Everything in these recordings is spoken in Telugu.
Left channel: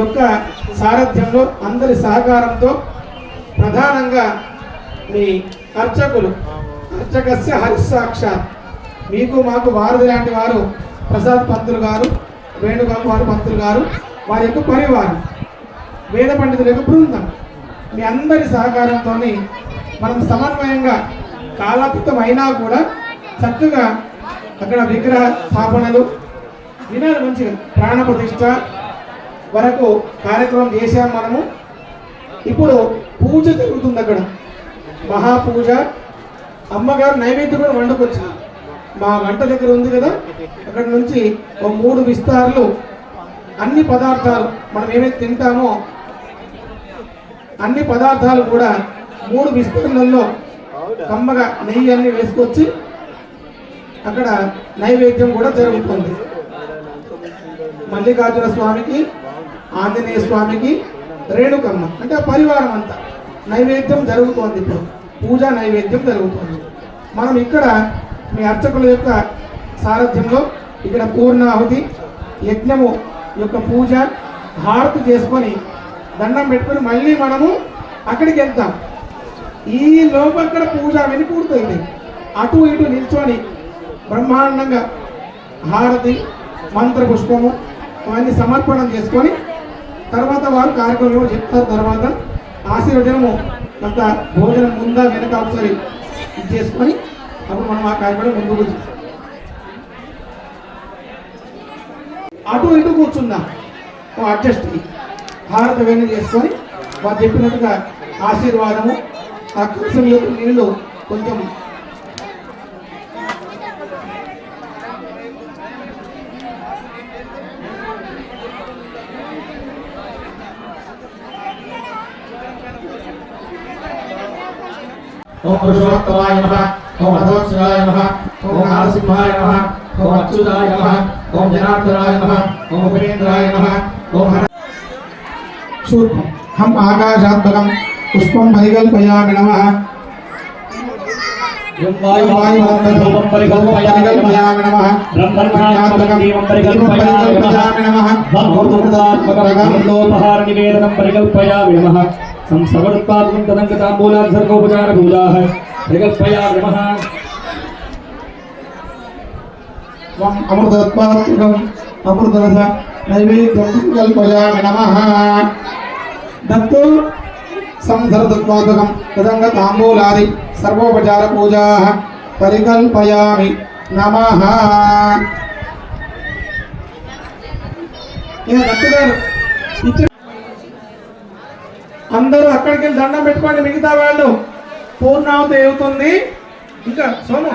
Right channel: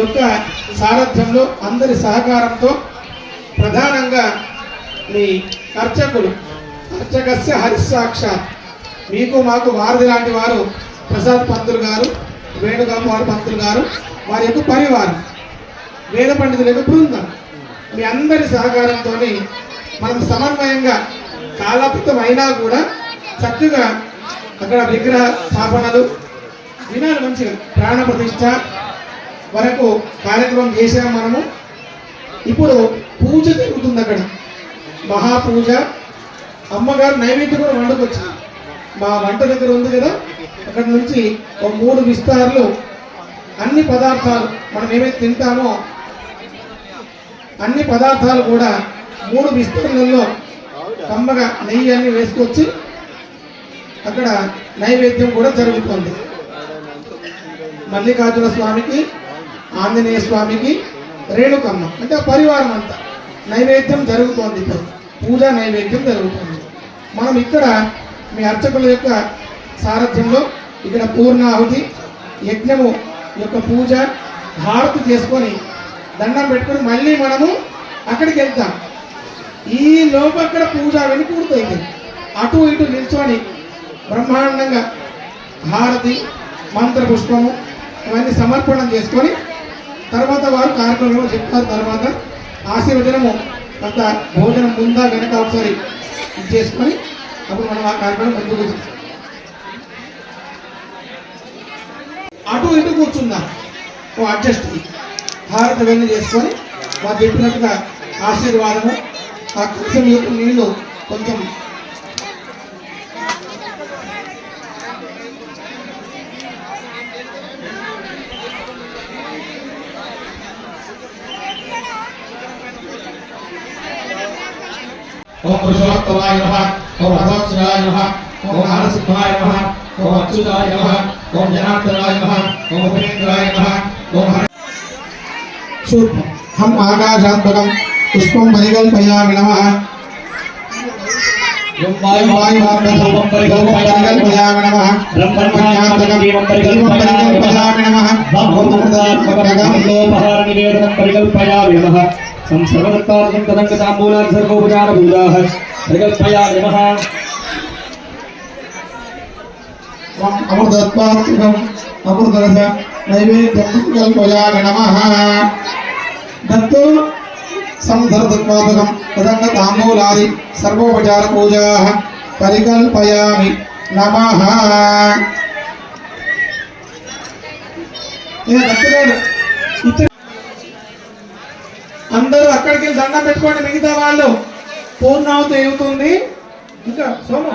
యొక్క సారథ్యంలో అందరి సహకారంతో ప్రధానంగా మీ అర్చకులు అర్చకస్య హరిసాక్షాత్ మీకు మాకు వారధి లాంటి వారు ప్రసాద్ పంతులు గారు, వేణుగోపాల్ పంతులు గారు, వారి యొక్క పరివారం, వేద పండితుల యొక్క బృందం, మీ అందరి సహకారంతో మనం సమన్వయంగా కాలాతీతం అయినా కూడా చక్కగా అక్కడ విగ్రహ స్థాపనలు వినాలి, మంచిగా ప్రాణ ప్రతిష్ట వరకు కార్యక్రమం చేసాం మనము. ఇప్పుడు పూజ జరుగుతుంది, అక్కడ మహాపూజ. అమ్మగారు నైవేద్యం కూడా వండుకొచ్చింది, మా వంట దగ్గర ఉంది కదా, అక్కడ నుంచి ఒక 3 విస్తారాలు అన్ని పదార్థాలు మనం ఏమైతే తింటామో అన్ని పదార్థాలు కూడా 3 విస్తరణల్లో కమ్మగా నెయ్యి అన్ని వేసుకొచ్చి అక్కడ నైవేద్యం కూడా జరుగుతుంది. మల్లికార్జున స్వామికి, ఆంజనేయ స్వామికి, రేణుకమ్మ అంటే ఆ పరివారం అంతా నైవేద్యం జరుగుతోంది. ఇప్పుడు పూజా నైవేద్యం జరుగుతుంది. మనం ఇక్కడ మీ అర్చకుల యొక్క సారథ్యంలో ఇక్కడ పూర్ణాహుతి యజ్ఞము యొక్క పూజ హారతి చేసుకొని దండం పెట్టుకొని మళ్ళీ మనము అక్కడికి వెళ్తాం. ఈ లోపు అక్కడ పూజ విని పూర్తయింది. అటు ఇటు నిల్చొని బ్రహ్మాండంగా హారతి మంత్రపుష్పము అవన్నీ సమర్పణం చేసుకొని తర్వాత వారు కార్యక్రమంలో చెప్తారు. తర్వాత ఆశీర్వచనము కొంత భోజనం ముందా వెనక ఒకసారి ఇది చేసుకొని అప్పుడు మనం ఆ కార్యక్రమం ముందుకు అటు ఇటు కూర్చుందాం. అడ్జస్ట్ హారతి అవన్నీ చేసుకొని వారు చెప్పినట్టుగా ఆశీర్వాదము ఆ కలశం యొక్క నీళ్లు కొంచెం ఓం పురుషోత్తమాయ నమః, ఓం రథోత్సవాయ నమః, ఓం నరసింహాయ నమః, ఓం అచ్యుతాయ నమః, ఓం జనార్దనాయ నమః, ఓం ఉపేంద్రాయ నమః, ఓం శూర్పం హం ఆకాశాత్మకం పుష్పం పరికల్పయామి నమః. వాయువాయుపరికల్పయామి నమః. బ్రహ్మణ్యాత్మకం పరికల్పయామి నమః. బ్రహ్మోపహార నివేదనం పరికల్పయామి నమః. సంసర్వదత్తాత్మకం తదంగ తాంబూలాది సర్వోపచార పూజాః పరికల్పయామి నమః. అమృతత్వాత్మకం అమృతరస నైవేద్యం పరికల్పయామి నమః. దత్తు సంసర్వదత్వాత్మకం తదంగ తాంబూలాది సర్వోపచార పూజాః పరికల్పయామి నమః. అందరూ అక్కడికి వెళ్ళి దండం పెట్టుకోండి. మిగతా వాళ్ళు పూర్ణాహుతి అవుతుంది. ఇంకా సోము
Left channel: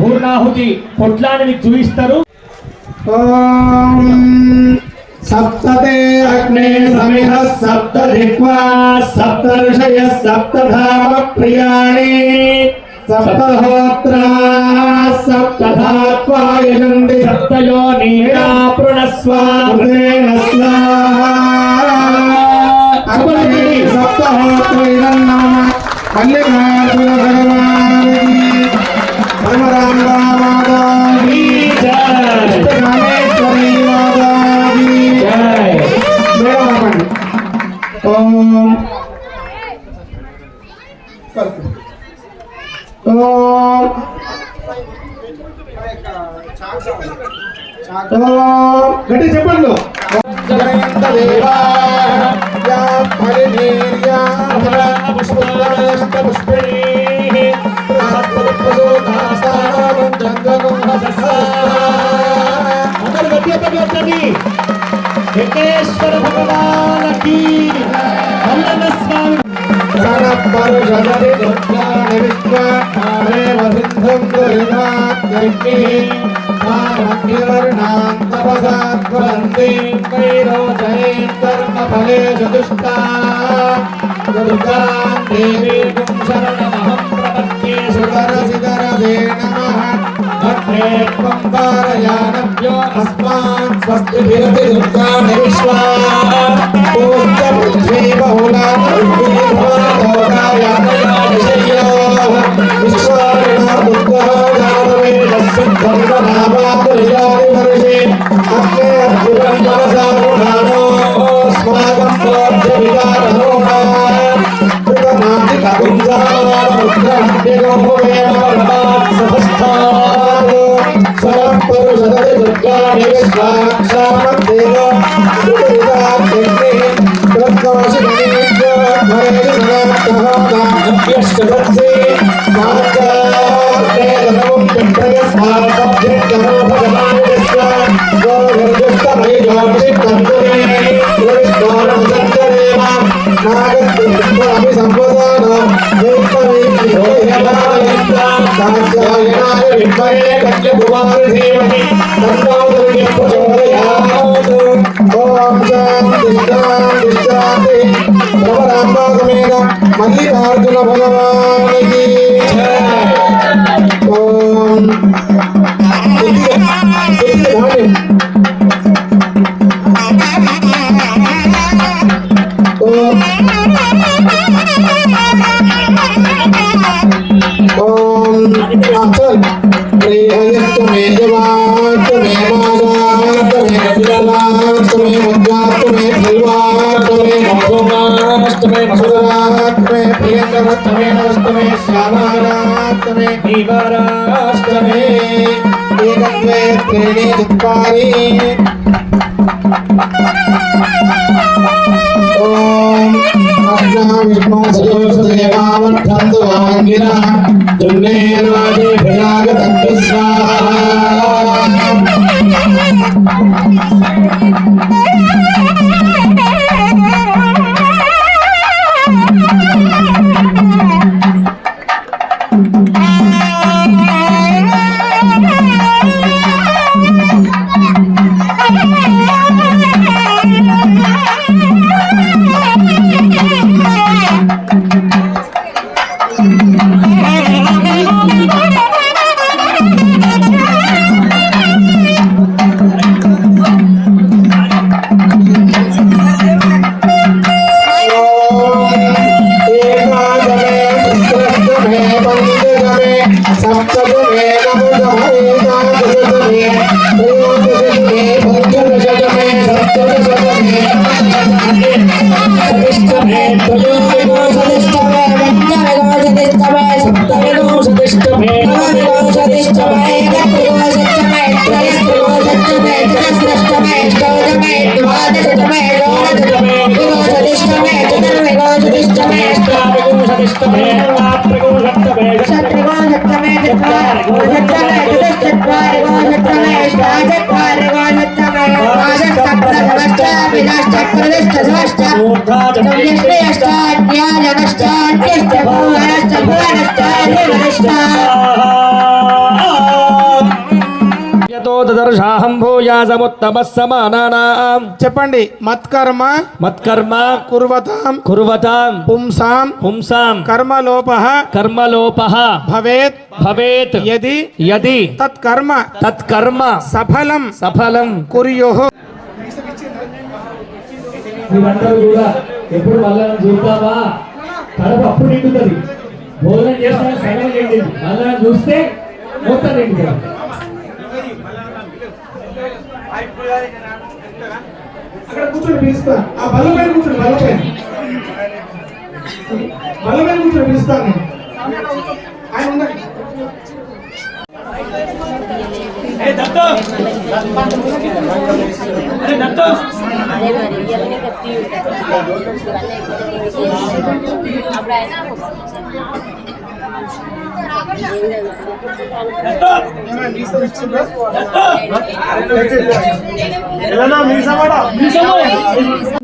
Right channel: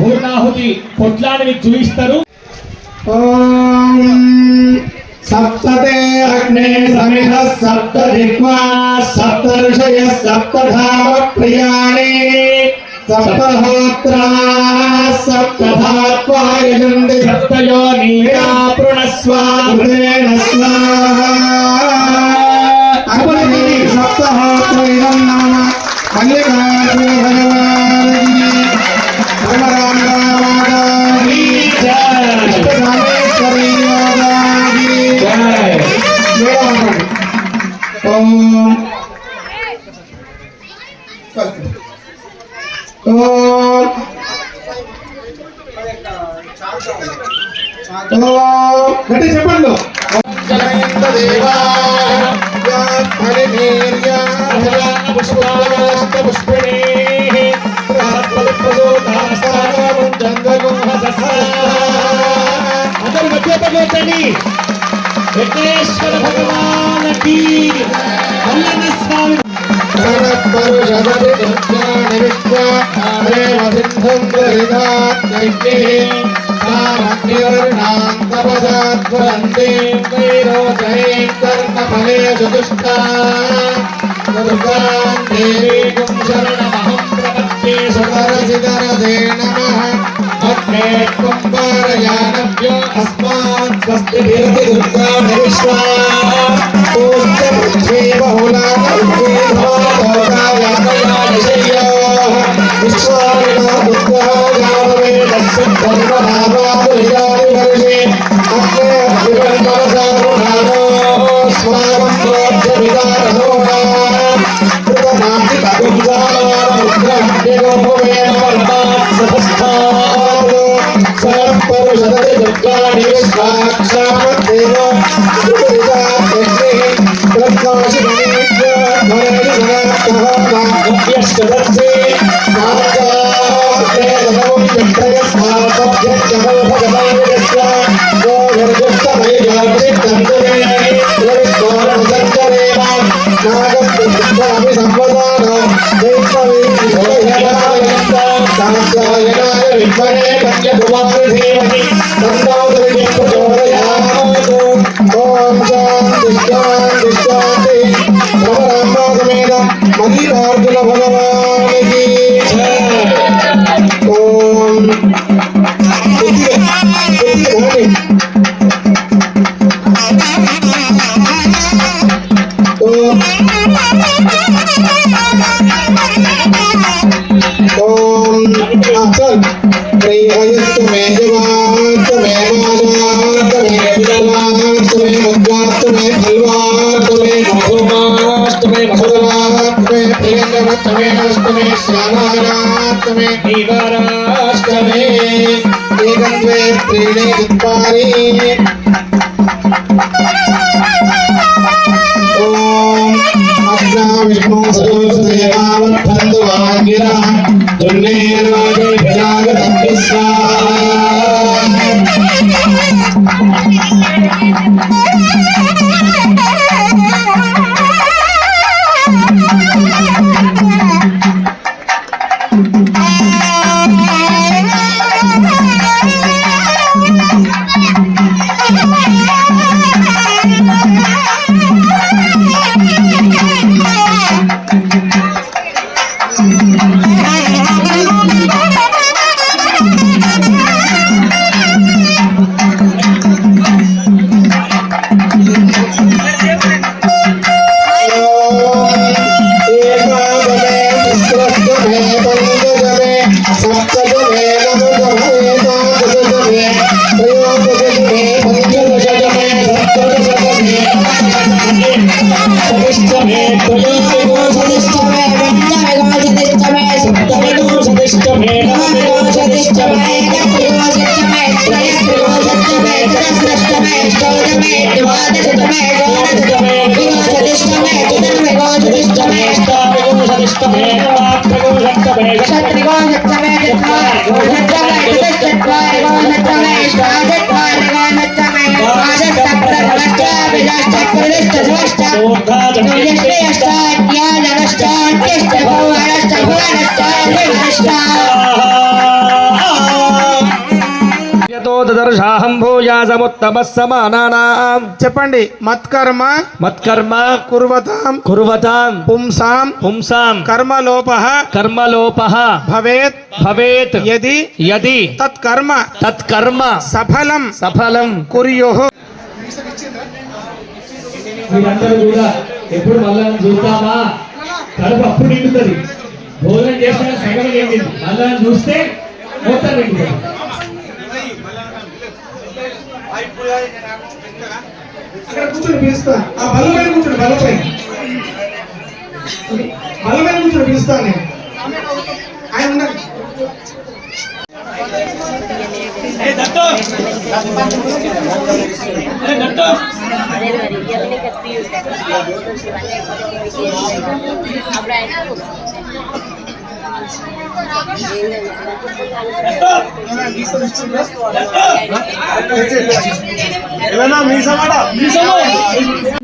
పూర్ణాహుతి పొట్లాన్ని మీకు చూపిస్తారు. సప్తతే అగ్నే సమిధ సప్త దిక్వా సప్త ఋషయ సప్తధామ ప్రియాణి సప్తహోత్రా సప్తధాత్వాయనంది సప్తయోనిరా పృణస్వామృతేన స్వాహా. సప్తహోత్రైరం నమః. మల్లికార్జున భగవానికి బ్రహ్మరామరామాదాకి రామేశ్వరి వాదాకి ఓం గట్టి చెప్పండి. పుష్ప వెంకటేశ్వర భగవానకి మల్లన్న స్వామి సనపరుషదతి దుర్గాని విశ్వమాదేవ సిద్ధం దరిదాత్యగ్ని కామగ్నివర్ణాంతపసాత్వరంతి వైరోధైం కర్ణఫలేషు దుష్టా దుర్గాం దేవీం శరణమహం ప్రపద్యే సుదరసిదరసే నమః అగ్నే త్వం పారయానభ్యో అస్మాన్ స్వస్తి భిరతి దుర్గాని విశ్వా పూజ్య పృథ్వీ బహుళా పృథ్వీ భవలోకాయ దయాదిశయ్యో విశ్వారిణ ఉద్వహ జాతవేదస్సిద్ధం నామాదురియాని వర్షే అగ్నే అగ్నివందనసారుణానో స్మాగం ప్రోధ్య విదారహో కృతనాతి కగుంజానముద్రహ్యగోపవేణ సభస్థానో సనపరుషదతి దుర్గాని విశ్వాక్షామద్దేవ సుపరిదాత్యగ్ని ప్రత్వాసిగణేభ్యో భరేణి భగవత్తహోదాభ్యశ్చదత్సే నాగార్దేదమం విట్టయస్మాసభ్యజ్జనో భగవానిదస్వ గోవర్జుష్టమయజాతి తంతునే ప్రవిష్ణోరమసంచరేమ నాగద్దుఃఖామి సంవదాన కాంత్యాయనాయ విద్మహే కన్యకుమారి ధీమహి తన్నో దుర్గం ప్రచోదయాత్ ఓం శాంతి శాంతి శాంతి భవరామ సమేత మల్లికార్జున భగవానికి ఓం अचल प्रियस्त में जवात में माजात में विदलात में मुद्रात में फलवात में मधुमात में मधुरात में प्रियंगवत में नस्त में श्यामारात में दीवारात में एकं वे त्रीणि चत्वारि ओम अग्ना विष्णु सदोषदेवावद्धन्तु वाङ्गिरा दुर्नेर्वाजे भयागतं स्वाहा చెప్పండి. మత్కర్మ మత్కర్మ కుర్వతాం కుర్వతాం పుంసాం పుంసాం కర్మలోపః కర్మలోపః భవేత్ భవేత్ యది యది తత్కర్మ తత్కర్మ సఫలం సఫలం కుర్యుః. మీరందరూ కూడా ఎప్పుడు మళ్ళా చూస్తావా కడుపు అప్పుడు నిండుతుంది. భోజనం చేసిన సగం నిండింది, మళ్ళా చూస్తే మొత్తం నిండుతుంది. అక్కడ కూర్చొని పిలుస్తా. ఆ బలమైన కూర్చొని బలమైన కూర్చొని పిలుస్తాను నేను. ఆయన ఉండండి.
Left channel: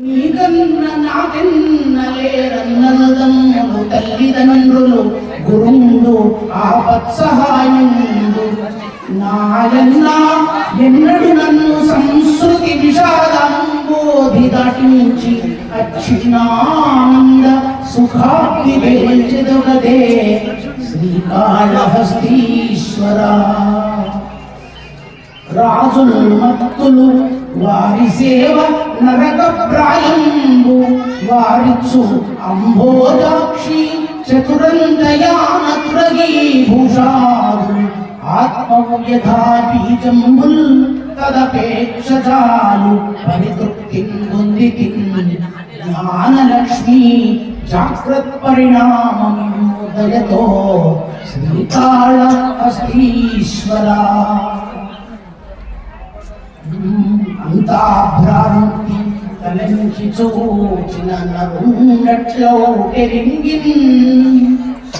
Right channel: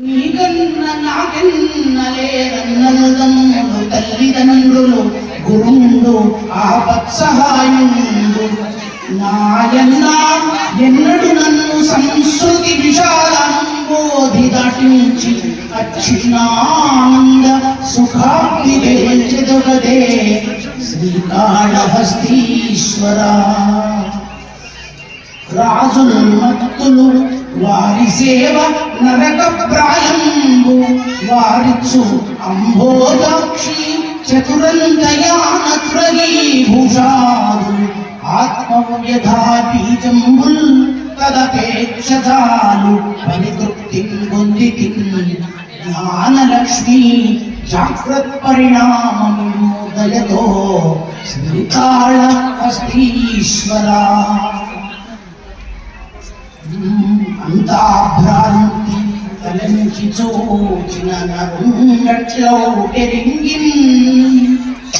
నీకన్న నాకెన్నలేరన్నదమ్ముడు తల్లిదండ్రులు గురుండు ఆపత్సహాయుండు నాయన్న ఎన్నడు నన్ను సంస్కృతి విషాదంబోధి దాటించి అచ్చినానంద సుఖాప్తి గెలిచెదొగదే శ్రీకాళహస్తీశ్వరా రాజులు మత్తులు వారి సేవ నరక ప్రాయంబు వారిచ్చు అంబోజాక్షి చతురంగయాన తురగీ భూషాదు ఆత్మవ్యధా బీజంబుల్ తదపేక్షాలు పరితృప్తి పొందితి జ్ఞానలక్ష్మి జాగ్రత్త పరిణామోదయతో శ్రీకాళహస్తీశ్వరా అంతా భ్రాంతి తలంచి చూచిన నరుంగట్లో పెరింగిన్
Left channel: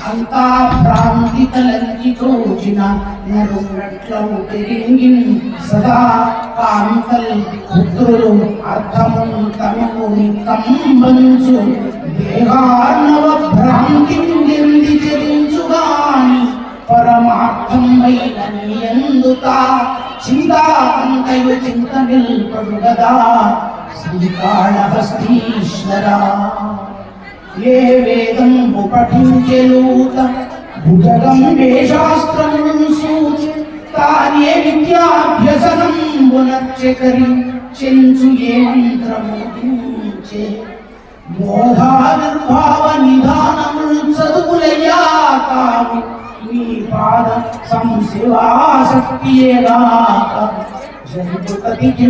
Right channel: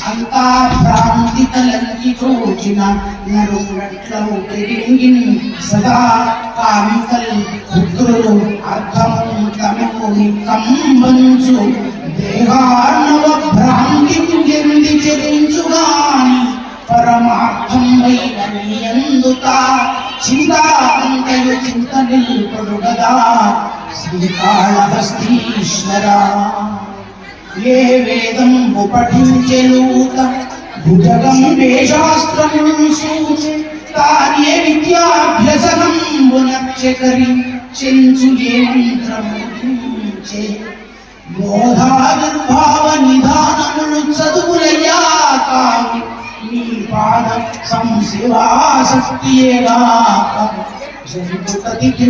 అంతా భ్రాంతి తలంచి చూచిన నరుంగట్లో పెరింగిన్ సదా కాంతల్ పుత్రులు అర్థము తమకు కంబంచు దేహార్ణవ భ్రాంతి ఎంది చెరించుగాని పరమార్థం వైనందుత చింతాంతయు చింత నిల్పడుగదా శ్రీకాళహస్తీశ్వరా ఏ వేదం పఠించెలూత భుజగం వేశాస్త్రమును సూచి తానే విద్యాభ్యసనంబునర్చెకరి చెంచు ఏ మంత్రముచే బోధాదుర్భావ నిధానములు చదువులయ్యా కావి నీ పాద సంశివాసక్తియేగాక జంతుపతికి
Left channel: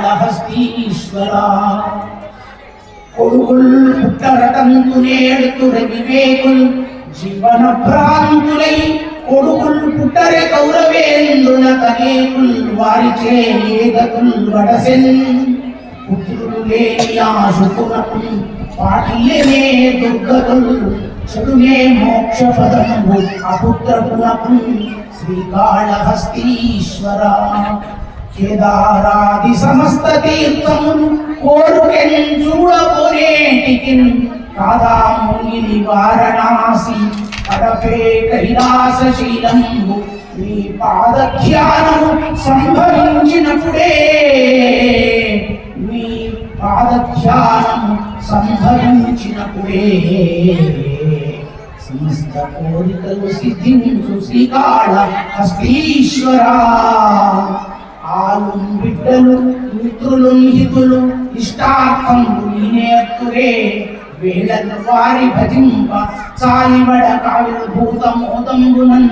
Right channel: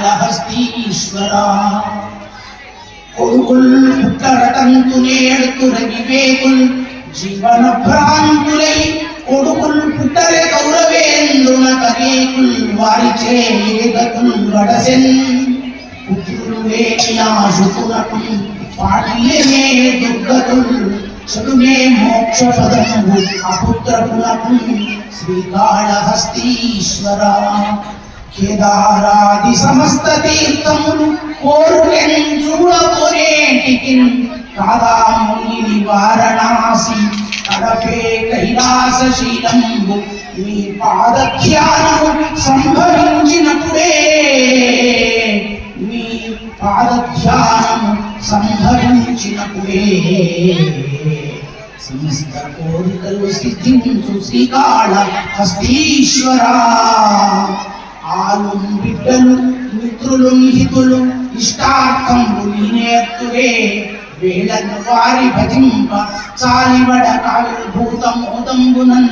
శ్రీకాళహస్తీశ్వరా కొడుకుల్ పుట్టరటంతు నేడుతుర వివేకుల్ జీవన భ్రాంతులై కొడుకుల్ పుట్టరే కౌరవేంద్రుల కనేకుల్ వారిచే ఏగతుల్ వడసెన్ పుత్రులు లేని ఆశుకునకు పాటిలేనే దుర్గతుల్ చదునే మోక్ష పదము అపుత్రపునకు శ్రీకాళహస్తీశ్వరా కేదారాది సమస్త తీర్థములు కోరుకెన్ చూడకోనేటికి కాదాముని వారణాసి కడపే కైలాసశీలంబు నీ పాదధ్యానము సంభవించినప్పుడే నీ పాదధ్యానము సంభవించినప్పుడే సమస్త కోరికలు సిద్ధించు శ్రీకాళహస్తీశ్వరా ఆలు బిడ్డలు మిత్రులు హితులు ఇష్టార్థంబు నేర్తురే వేళను వారి భజింప చాలిబడ కావిర్భూతమోదంబునన్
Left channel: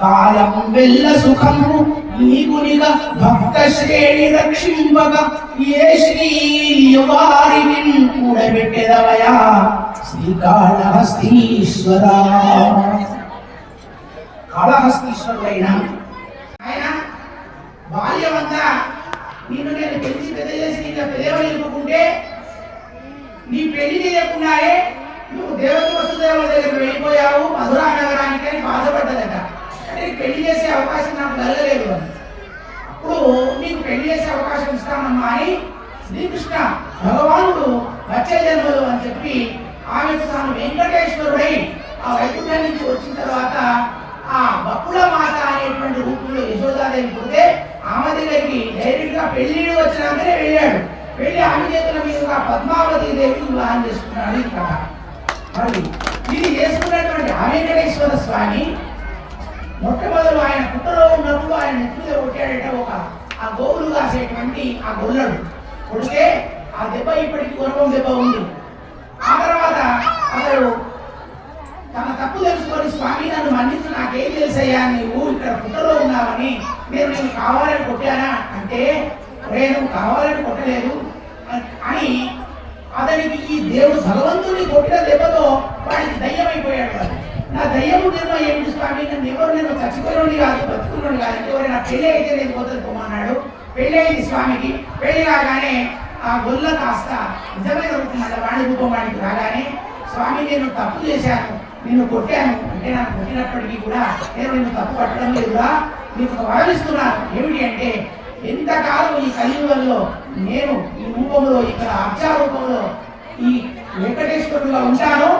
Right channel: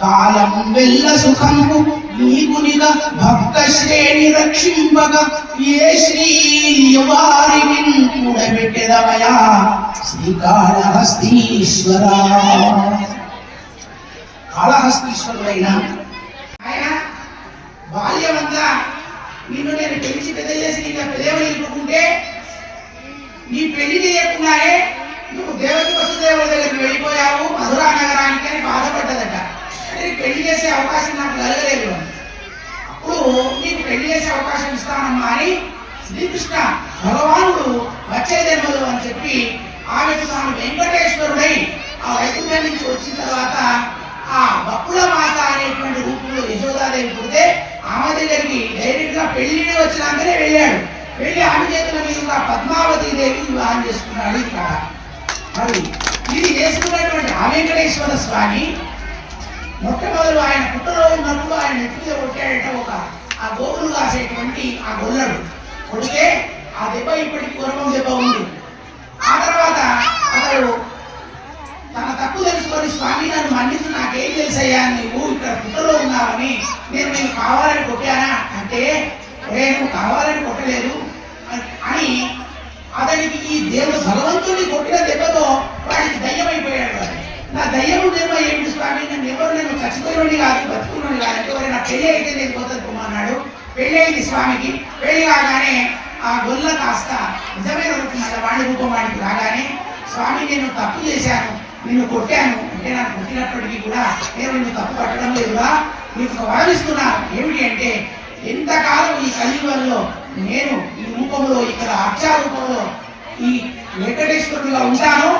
కాలం వెల్ల సుఖంబు నీకునిగా భక్త శ్రేణి రక్షింపగా ఏ శ్రీ వారిని కూడబెట్టెదవయా శ్రీకాళహస్తీశ్వరా కాళహస్తీశ్వరుడైన ఆయన బాల్యమంతా నిన్ను నేను పెంచి పెద్ద చేసి ఇంకా పెళ్ళికుంటే నీ పెళ్లి చేయకుండానే నువ్వు దేవకి వసుదేవుల దగ్గరికి వెళ్ళిపోయావు మధురా నగరానికి అని బాధపడ్డదట. అంటే పెళ్లి చేసే అవకాశం నాకు కలగలేదు అని. అప్పుడు నీకు పెళ్లి చేసే అవకాశం ఇస్తానమ్మా అని శ్రీకృష్ణ భగవానుడు వచ్చే జన్మలు అని చెప్పి ఆమెకు తాను వెంకటేశ్వరుడై ఆ వైకుంఠం నుంచి వచ్చిన తర్వాత ఆ బప్పుల మాత అనేటువంటి రూపంలో యశోదాదేవి పుడితే ఆమె దగ్గరికి డైరెక్ట్ గా పెళ్లి వచ్చినాకనే వెళ్ళాడు. వెళ్ళి ఆమె చేతుల మీదుగా పద్మావతి దేవి వివాహం చేసుకున్నాడు. ఈ కథ మరి ఇది చేసుకున్నటువంటి ఆ వెంకటేశ్వర స్వామి మొట్టమొదలు ఆయన పుట్టలో ఉన్నప్పుడు ఆయన నెత్తి మీద కొట్టాడట ఒక ఆ గోవులు కాసేటువంటి ఆ గొల్లడు కొడితే ఆ దెబ్బ ఇప్పటికి గురవం దెబ్బ ఉంది. ఆ తర్వాత అతడు తన తప్పు తెలుసుకొని స్వామి నన్ను మన్నించు, నాకేం తెలుసయ్యా, నువ్వు ఇక్కడ పుట్టలో ఉన్నావని నేను కావాలని కొట్టానా అంటే నువ్వు కావాలని కొట్టలేదు అని అతనికి ఈ దేవుడు భగవంతుడిని కొట్టిన దెబ్బతో వాడికి దయ్యమైపోయాడు. నా దయ్యము దెబ్బ ఏమిటి స్వామి, నేను చచ్చిపోయినోడి కాదు బతుకున్నోడి కాదు, అంటే నా పెళ్లి అయితే నేను పోతుంది పోమన్నాడు. పెళ్లి అయింది స్వామికి. పెళ్లి కాగానే ఆ గొల్ల కాస్త నిజమైన రూపం అలా వాడి రూపం వాడికి రాగానే స్వామి నేను తప్పు చేశాను, నిన్ను కొట్టాను అంటే నాకు కొట్టినప్పటికీ కూడా నేను నిన్ను తప్పు పట్టడం లేదురా, నీకు వరమిస్తున్నాను. ఏమిటి అంటే ఎంతకాలం ఈ కలియుగంలో నేను ఈ రూపంలో ఇక్కడ అర్చా రూపంలో ఈ వెంకటేశ్వరుడుగా ఉంటానో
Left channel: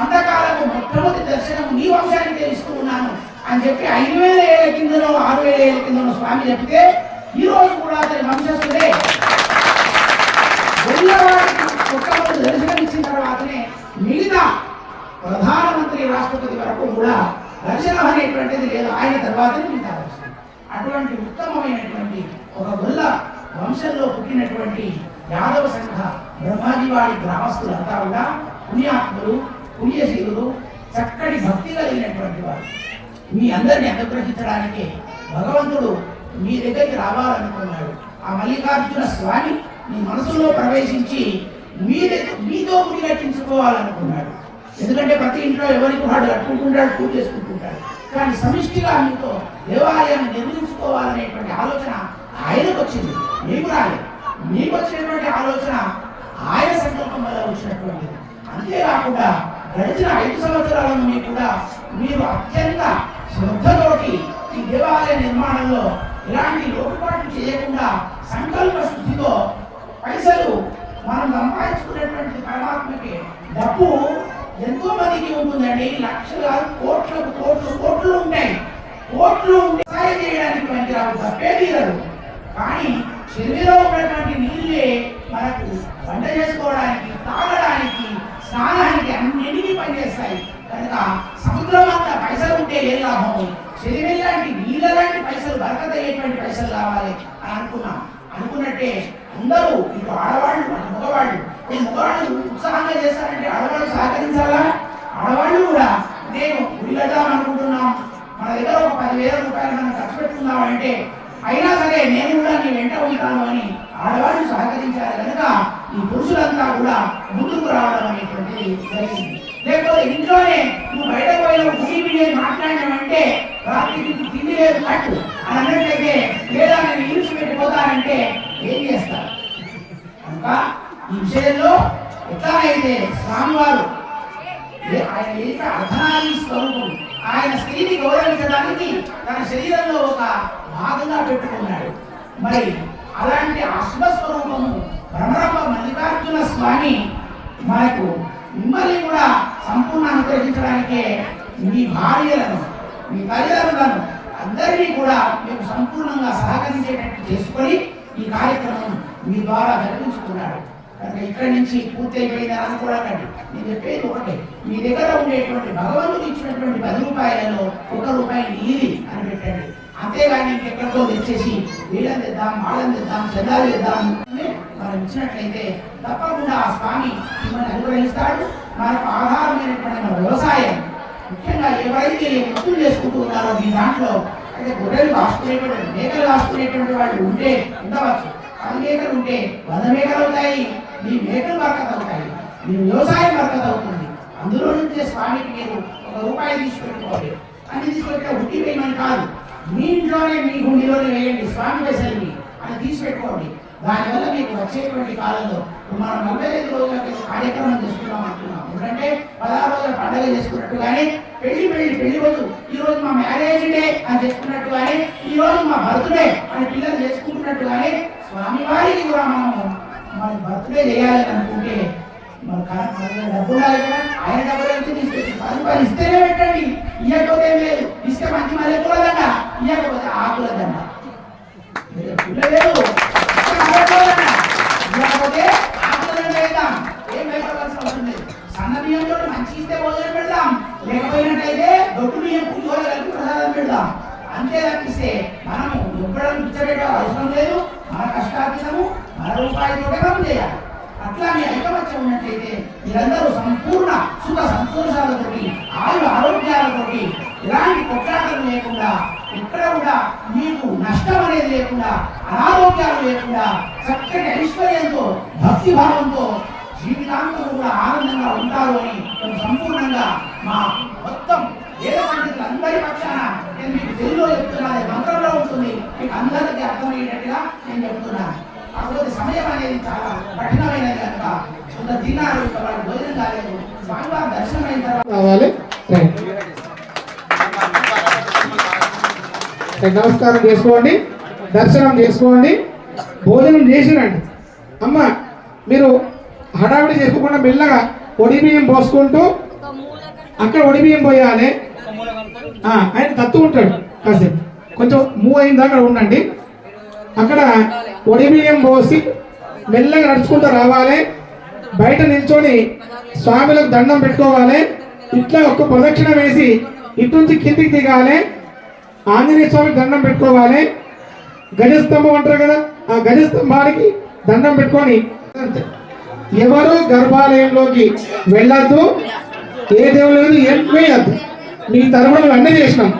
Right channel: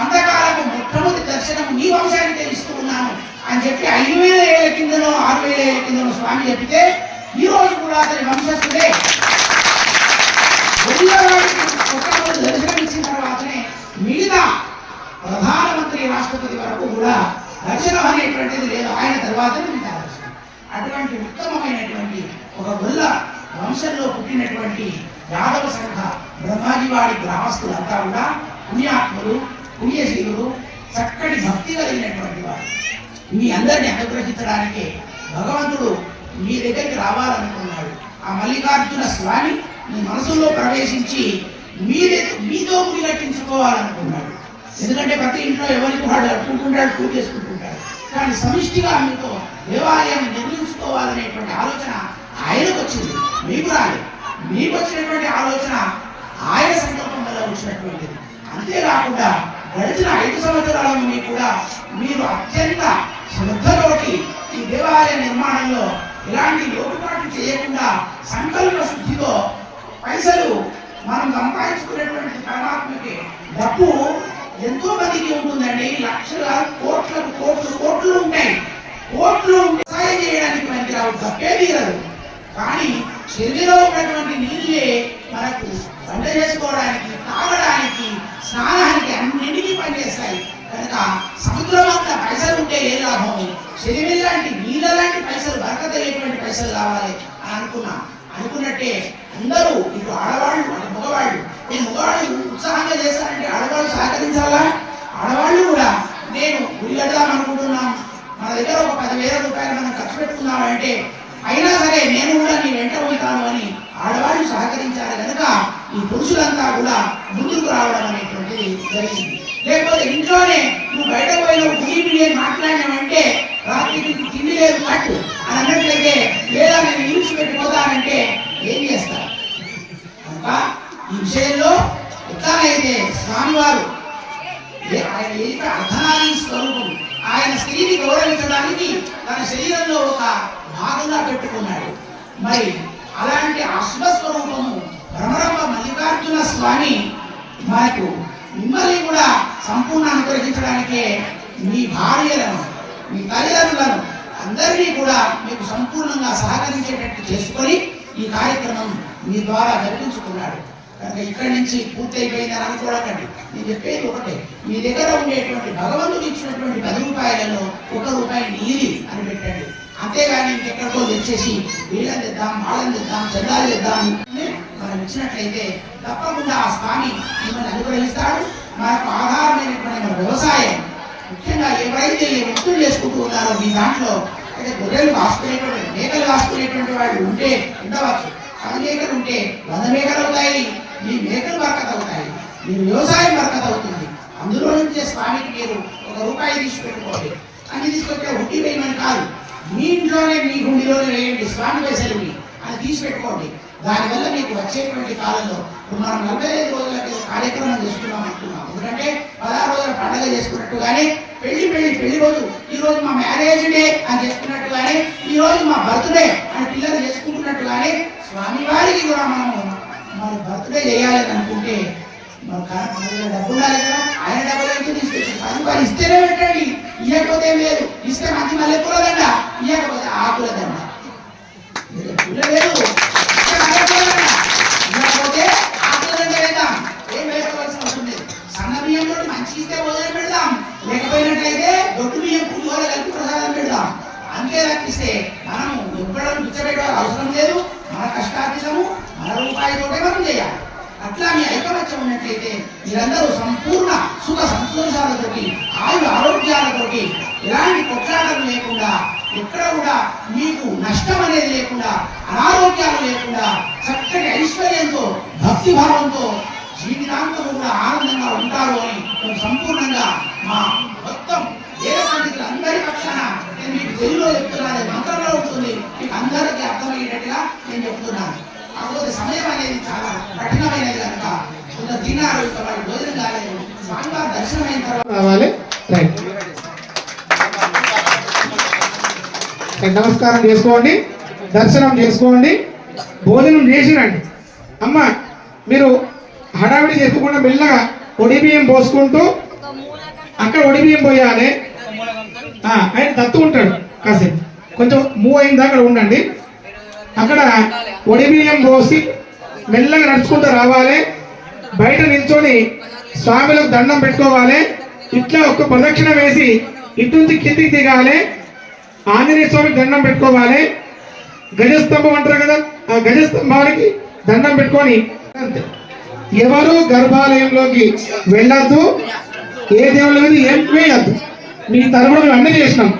అంతకాలము మొట్టమొదటి దర్శనం నీ వంశానికి తెలుస్తూ ఉన్నాను అని చెప్పి 5,000 ఏళ్ల కిందనో 6,000 ఏళ్ల కిందనో స్వామి చెప్తే ఈ రోజు కూడా అతని వంశస్థుడే. వాడికి మొట్టమొదటి దర్శనం ఇచ్చిన తర్వాతనే మిగతా ప్రధానమంత్రి రాష్ట్రపతి వరకు కూడా దర్శనం అనేటువంటిది లేదు, ఆయన తర్వాతనే మిగతా దర్శనం. అటువంటి ఉత్తమమైనటువంటి ఒక గొల్ల వంశంలో పుట్టినటువంటి యాదవ సంఘ బ్రహ్మాజీవాడి గ్రామస్తులంతా కూడా పుణ్యాత్ములు, పుణ్యశీలుడు, చక్కటి భక్తి కలిగినటువంటి వారు. మీ అందరినీ అనుగ్రహించడానికి భగవంతుడు మీ దగ్గరికి రావాలనుకున్నాడు. ఆ మల్లికార్జున స్వామి మీ మనసులో ప్రవేశించి మీతో గుడి కట్టించుకోవాలనుకున్నాడు. ఎందుకంటే ప్రతి ఇంట్లో ఎవరికి వాడు అట్టుకుంటుంటాడు, పూజ చేసుకుంటుంటాడు. కానీ సమిష్టిగా మీతో దేవాలయాన్ని నిర్మించుకోవాలనేటువంటి ఆలోచన ఆయనకు వచ్చింది, మీకు రాలేదు. మీకు వచ్చినటువంటి ఆలోచన ఆయన సంకల్పం వల్ల వచ్చినటువంటిది. అంతేకాకుండా గడిచిన 5 సంవత్సరాల నుండి కూడా మీరు అత్యంత శ్రద్ధతోటి ఈ దేవాలయ నిర్మాణంలో ఎలాంటి లోటుపాటు చేయకుండా సంకల్ప శుద్ధితో పైసలు మనం సంపాదించుకునేటువంటి పరమాత్మకి డబ్బు ఎంతో మందికి ఉంటుందండి. లక్షల కోట్లకు కోట్లు ఉంటాయి. కోట్లు సాయం చేయడానికి పనికిరావు, తప్పే తీరదు. కానీ చెరువులో ఉన్నటువంటి నీళ్ళే మనకు వంట చేసుకోవడానికి, తాగడానికి, స్నానానికి అన్నింటినీ పనిచేస్తాయి. కనుక సముద్రం అంతా పైసలు ఉంటే ఏ లాభం? చెరువు లాంటి నీళ్ళ లాంటి పైసలు, బరకత లేటువంటి పైసలు కావాలి అని అనుకున్నట్టే అందరూ ఇటు ఆడవాళ్ళు అటు మగవాళ్ళు. ఈ మగవాళ్ళు ఉత్సాహంగా చేస్తారంటే ఆడవాళ్ళు సహకరించాలా? ఆడవాళ్ళు కూడా నేను గుడి కడదాం అనుకుంటున్నాం, మన దగ్గర ఒక 10,000 రూపాయలు మనం ఖర్చు పెట్టుకున్నామంటే అయినా సరే నేను కూడా నీ వెంట ఉంటాను అని ఆడవాళ్ళు సహకరించాలి. కనుక ఈ పురుషులంతా కూడా ముందుకు రావడం అనేటువంటిది జరిగింది. లేకపోతే ఇంట్లోనే నువ్వు బయటకు పోయిన గుడి మాట్లాడినామంటే రాత్రికి తిండి లేదు కట్టు అని అన్నట్లయితే, లేదా నేను ఇల్లు పెట్టిపోతానంటే ఏం చేస్తారు? కనుక ఈ విషయంలో ఎట్లానైతే స్వామివారు ఆయన ఏక అర్ధనారీ స్వరూపం, ఆయన స్త్రీని గౌరవించడానికి తన శరీరంలో ఒక భాగంగా పెట్టుకున్నాడు. మరి అలాంటి అశ్వస్వరూపము భ్రమరంభ మల్లికార్జున స్వామి మనకు మిమ్మల్ని కూడా సంపూర్ణ అనుగ్రహించడానికే మీ భార్యలను, మీ తల్లిదండ్రులను అందరినీ కూడా మీకు సంపూర్ణంగా సహకరించేటట్టు చేసుకొని ఈ కార్యక్రమం మీ ద్వారా జరిపించుకున్నాడు. కనుక ఇక్కడి నుంచి పూర్తయిపోయిందని అనుకోవకండి. నేను చెప్పేది ఒకటే, మీ దగ్గర ఉండేటువంటి భగవంతుడు ఇచ్చినటువంటి 10 రూపాయలలో 1 రూపాయి నీలి అని పెట్టండి. అంతేగాని ఇంకెక్కడితో తెచ్చేసి వీళ్ళని తెద్దాం, వాళ్ళని తెద్దాం, చందాలు తెద్దాం మనం ఇచ్చినట్లయితే తప్పకుండా ఆ స్వామి మిమ్మల్ని అనుగ్రహిస్తాడు. మనకు ఆధారమైనటువంటి మన వ్యవసాయం, ముఖ్యంగా ఎవరైతే వృత్తులు చేసుకుంటూ ఉన్నారో మీ దాంట్లో అయితే గొర్రెలు కాసుకునేటువంటి, మేకలు కాసుకునేటువంటి వాళ్ళు ఉంటే ఉండవచ్చు. 10 మేకలు ఉంటే 100 మేకలు అవుతాయి. మీ మేకలు బరకత అవుతాయి, మీ వ్యవసాయం బరకత అవుతుంది. అందులో నుంచే స్వామికి మీరు 1 రూపాయి తీసి పెట్టుకోవాలి. అన్ని తీసుకొచ్చే హుండీ వేయమని కాదు, మీ ఇంట్లోనే మీ హుండీలోనే వేయండి, స్వామి పైసలు అని తీసి పెట్టుకోండి. దానివల్ల మీకు వచ్చేటువంటి కాలంలో మనం 45 రోజులకి కార్యక్రమం చేసుకున్నాం అంటున్నాం. ఎందుకంటే 16 రోజుల పండుగ చేసుకున్నట్టుగానే పెళ్లి రోజు ఈ రోజు మా మ్యారేజ్ డే అని చేసుకున్నట్టుగానే, ఈ రోజు మా బర్త్డే అని పిల్లలు చేసుకుంటున్నట్టుగానే స్వామి వారికి కూడా మన బర్త్డే చేయాలని అనుకుంటే మన డబ్బు ఉండాలి కదా. ఆయన డబ్బులు అయితే తీసుకొచ్చి 10 రూపాయలు ఇస్తేనే పెట్టండి, ఇవ్వకపోతే ఏం లేదు. ఇస్తే మంచి మల్లెపూల దండ, ఇవ్వకపోతే ఆకుల దండ. లేదు ఇవ్వకపోతే ఆకుల దండ వేద్దాం, ఏం వేసుకోవాల్సిన అవసరం లేదు. సన్న బియ్యంతో మంచి ఇస్తే భోజనం పెడదాం, లేకపోయినట్లయితే దొడ్డు బియ్యం పులిహోర కలిపి ప్రసాదం పెడదాం. అంతే తప్పిస్తే మనము ఎవ్వడం పిచ్చబెట్టే అవసరం లేదు. మన కష్టార్జితము మన రూపాయితోటే మనం చేయాలి. అట్లా మీ ఐకమత్యం ఉన్నట్లయితే మీరందరూ సంపూర్ణ సుఖ సంతోషాలతోటి, ఆరోగ్యాలతోటి, ఎలాంటి కొట్లాటలు లేకుండా, ఎక్కడ కూడా మీకు నష్టం అనేది లేకుండా, అనారోగ్యాలు లేకుండా, చక్కటి ఐశ్వర్యంతో, భక్తి భావంతో జీవితాంతం కూడా ఆనందంగా ఉంటారు అని మేము సంపూర్ణంగా మా మొత్తం వేద పండితులందరి పక్షాన నేను మీకు తెలుగులో చెప్తున్నాను, మంత్రంలో ఉంటుంది, మీకు అందరికీ అర్థమయ్యేటట్టుగా నేను చెప్తున్నాను. కాకపోతే సమయం అనేది చాలా కఠినమైనది కనుక కొంత తిన్నారు, ఇక వాటి భోజనం కాలేదు. స్వామివారి రావాలి. రైట్. నమస్కారం చేసుకోండి, దర్శనం చేసుకోండి, భోజనం చేసిరండి. అమ్మ మీరు హడావిడి చేసుకోకుండా మెల్లగా ఒడి బియ్యం పోసుకుంటూ అక్కడ ఒడి బియ్యం పోయాలి. ఆయన తత్తు ఉంటాడు, కాసేపు కొంచెం మూవ్ అయింది అక్కడ ఉండండి. అక్కడ ఒడి బియ్యం పోసి మెల్లగా నడుచుకుంటూ రావాలి. బయట నిల్చొని స్వామిలకు దండం పెట్టుకోవాలి. ఇట్లా ఒక ప్రదక్షిణ వేసి ఇటు నుంచి కిందికి దిగాలి. ఆంజనేయ స్వామికి దండం పెట్టుకోవాలి. గజస్తంభం అంటారు కదా, ఆ గజస్తంభానికి దండం పెట్టుకొని ఎవరు గర్భాలయంలోకి వెళ్ళద్దు, ఏ దేవుళ్ళ మీద ఏం వేయద్దు. మీ తరపున మేము అన్నీ చేసినాం.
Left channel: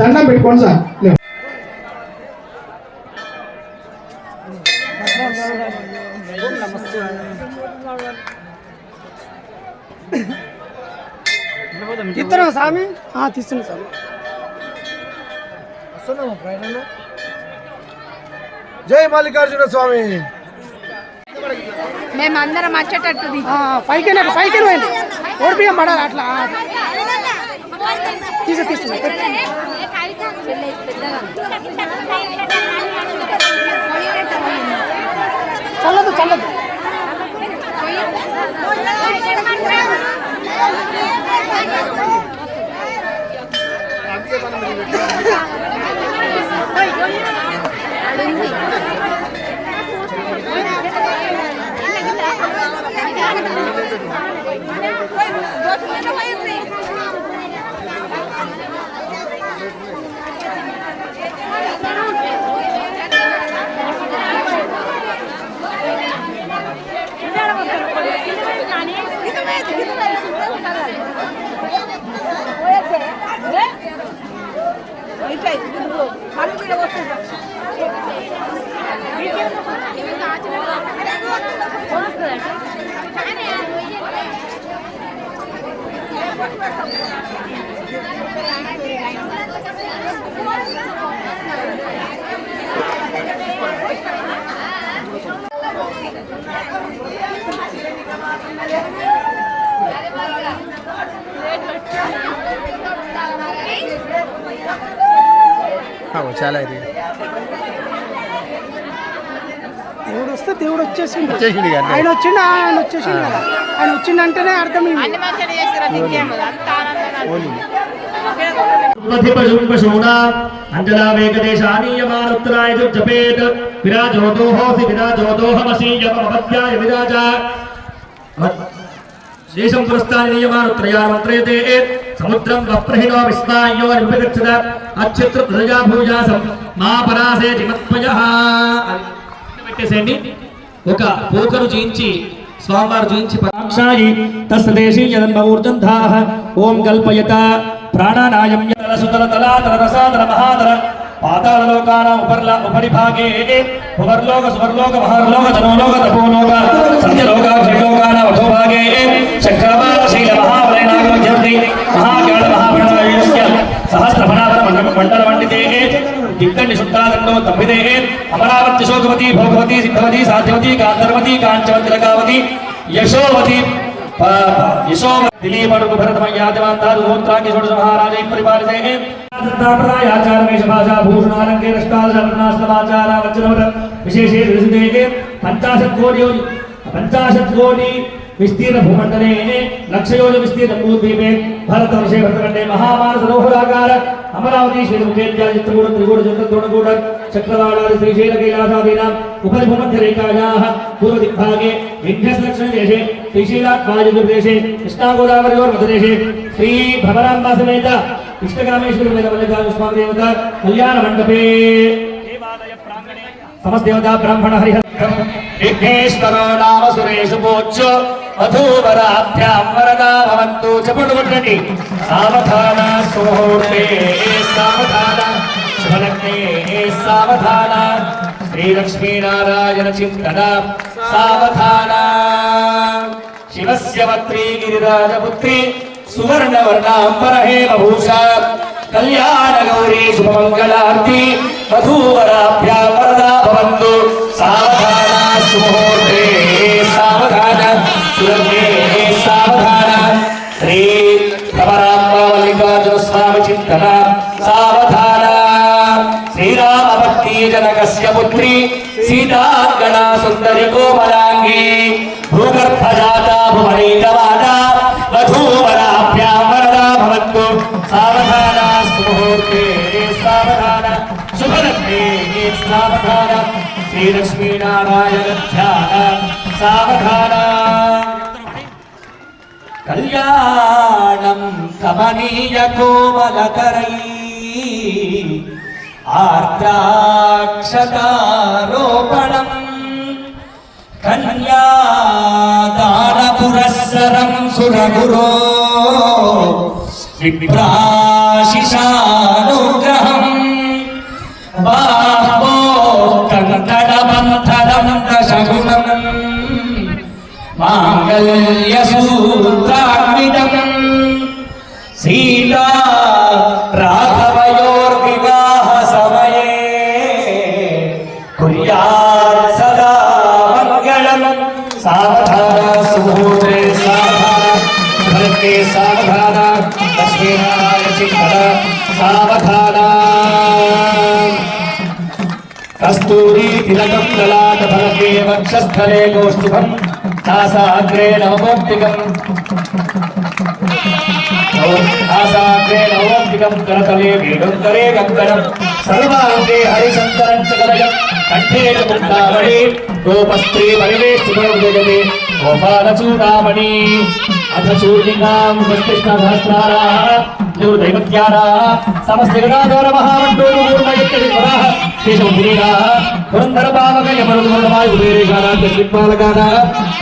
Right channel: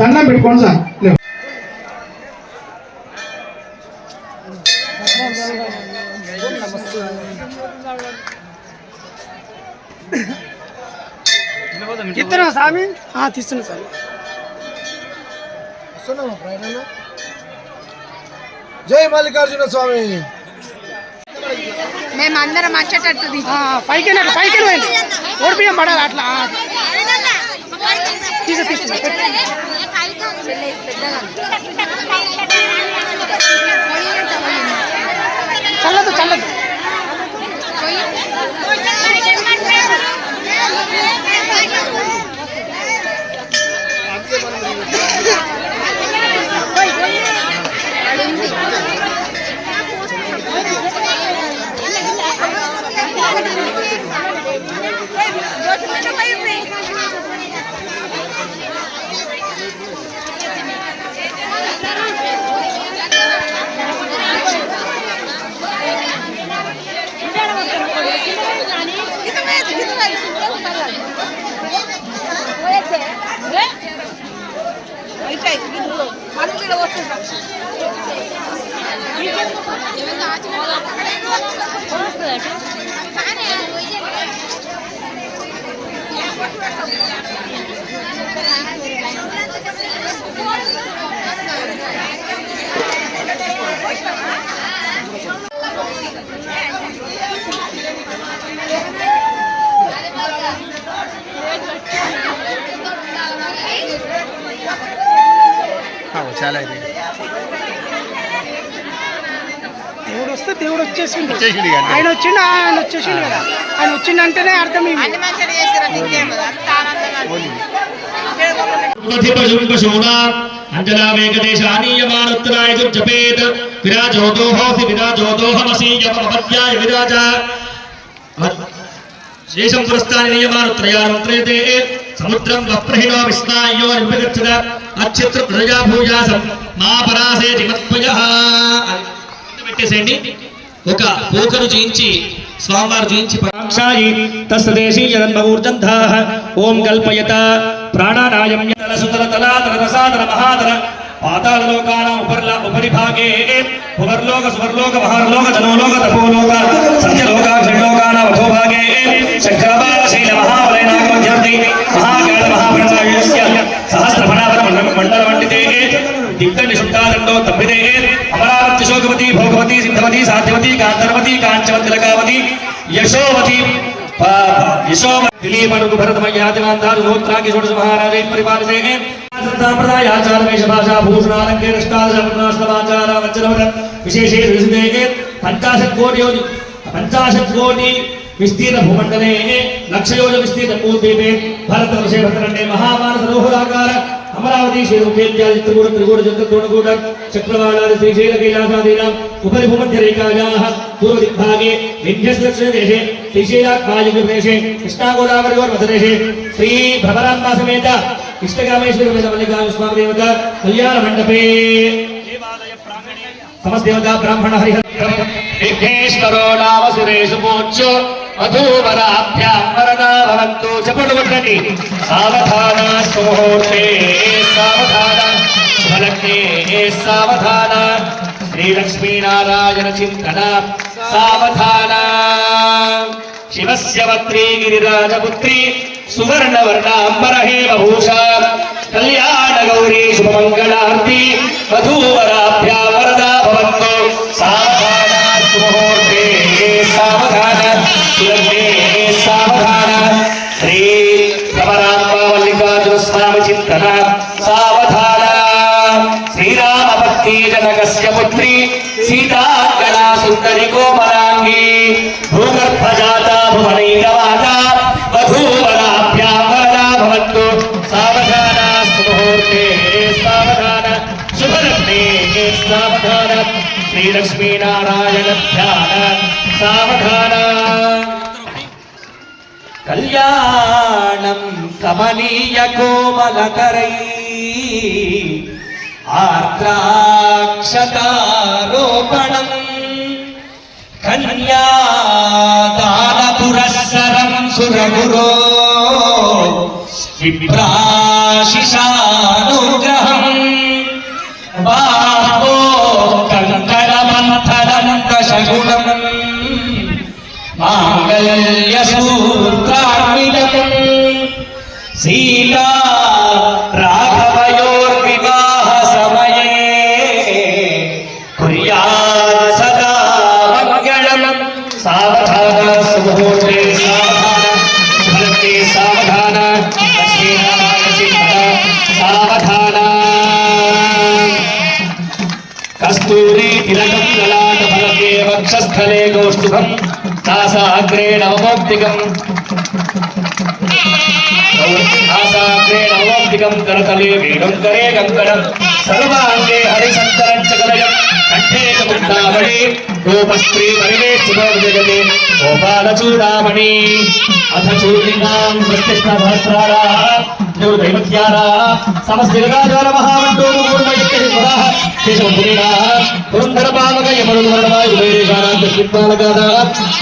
దండం పెట్టుకోండి సార్. తీస్తున్నా స్వామి, తీస్తున్నా స్వామి. జై మల్లికార్జున స్వామి. మేమందరం వచ్చేటట్టు పైకి పోయింది, ఓడిపియం పడాలి అట్లా. తీసుకున్నా చల్లదు చల్లదు. చాలా ఇది దేవుడు వస్తే దేవుడు వచ్చేసిండు. ఆయన వచ్చేసిండు కదా. ఆయన వచ్చిందంటేనే అర్థం ఇవి. అంజనావేకదేశానీయమానుత్తరాయ జపేత్ విరాజోదోహోసి విరాజోదోహమసీయమపద్యాయ విరాజ శేషం పురస్థాని నియమానుత్రయామంత్రయతే సముద్రం వప్రహిణో విస్మాయో నిర్విగచ్చద అచ్ఛిత్ర ధ్రుజా భూజాసం మా పరాసే జిమత్పజః. పెట్టేసేయండి. ఒక పోకరు జయించి స్వామివారు జయించి పరాక్షాయి తస్దేశీ జన్మూర్జంధాః ఓం కల్పయత ప్రాణానాయం సుతల తలాతల రసాతల మహాతల పాతాళలోకానాం ఉపరిభాగే భువర్లోక సువర్లోక మహార్లోక జనోలోక తపోలోక సత్యలోక శ్రీలోకానాం అధోభాగే శంకరబాల శైల మహావలయనాగమధ్యర్థి మహాకాళ మహాప్రణాయస్య సహస్రఫణావర మండల మండితే దిక్కని శుద్ధాదండో తప్పితే అమరావతి శోకవతి భోగవతి సిద్ధవతి సాధ్యవతి కాంతర్వతి కాంచవతి లకావతి యశోవతి దిలీపనుకు భరతమయ్యాదిమాంతాలు గోత్రాకి షోడశ మహారాజై పరిపాలసే సంప్రదాయాచార వేష భాషా భూషణాలంకే నిష్కాదశపద్మాశ్రమాచార వజ్రవర విశేషే విశుదే 50 కోటి విస్తీర్ణ భూమండలే లక్షయోజ విస్తీర్ణ భూద్వీపే భరతవర్షే భరతఖండే మహామానస రోహురాకార అమరావతి శ్రీరుపేత్యాది త్రిగూఢ త్రిగూఢ చతుర్ద్రోణగూఢ చక్రవాళాది శ్రీశైల కైలాసాదీనాం ఉపరి భూమధ్యరేఖాయాః పూర్వదిగ్భాగే వింధ్యదక్షిణదేశే శ్రీశైలాగ్వాయుర్దేశే కృష్ణాగోదావరియోర్మధ్యదేశే శ్రీ భ్రమరాంబా సమేత ఇష్టగ్రామేశ్వరి వేద మల్లికార్జున స్వామి దేవత కళ్యాణ మండపే దేవాలయ ప్రాంగణే సమస్తదేవతా బ్రాహ్మణ హరిహర విఘ్నేశ్వరో నామ సురేషు పూజ్యో వధూవరాభ్యాం వరదా భవంతు. చెప్పండి కొట్టండి. సావధాన సుముహూర్తే సావధాన శుభలగ్నే సావధాన శ్రీలక్ష్మీనారాయణ చింతన సావధాన శివస్య వత్రీ గిరిరాజపుత్రి సువర్ణవర్ణాంబరహేమ భూషా కళ్యాణ గౌరీ శుభమంగళార్తి వధూవరాభ్యాం వరదా భవంతు. సావధాన సుముహూర్తే సావధాన సులగ్నే సావధాన శ్రీ పుత్రి సీతాంగనా సుందరి కోమలాంగి భూగర్భజాత భువనీతవాత వధూవరాభ్యామరా భవత్తు సావధాన సుముహూర్తే సావధాన శుభలగ్నే సావధాన శ్రీలక్ష్మీనారాయణ ధ్యాన సావధాన కళ్యాణం కమనీయ కోమలకరై ఆర్ద్రాక్షతారోపణం కన్యాదాన పురస్సరం సురగురో విప్రాశిషానుగ్రహం బాహో కంకణమంథనం దశగుణం మాంగళ్యసూత్రాన్వితం సీతా రాఘవయోర్వివాహ సమయే కుర్యాత్ సదా మంగళం సావధాన సుముహూర్తే సావధాన సుభద్రే సావధాన లక్ష్మీనారాయణ చింతన సావధాన కస్తూరి తిలకం లలాట ఫలకే వక్షస్థలే కౌస్తుభం तासाग्रे नवमोक्तिकं करतले वेणुकरे कंकणं सर्वांगे हरिशंकरं च कलयं कंठे च मुक्तामणि गोपस्त्री परिवेष्टितोजगते गोपालचूडामणि अथ चूर्णिकां कृष्णसहस्राराः देवदैवत्याराः समस्तजगदाचार महामण्डोपूर्णगत्यविपुराः केशवपुरीराः पुरन्दरपावक यमरुदवर्णमाय उदयरेशानां दक्षिणपालकानाः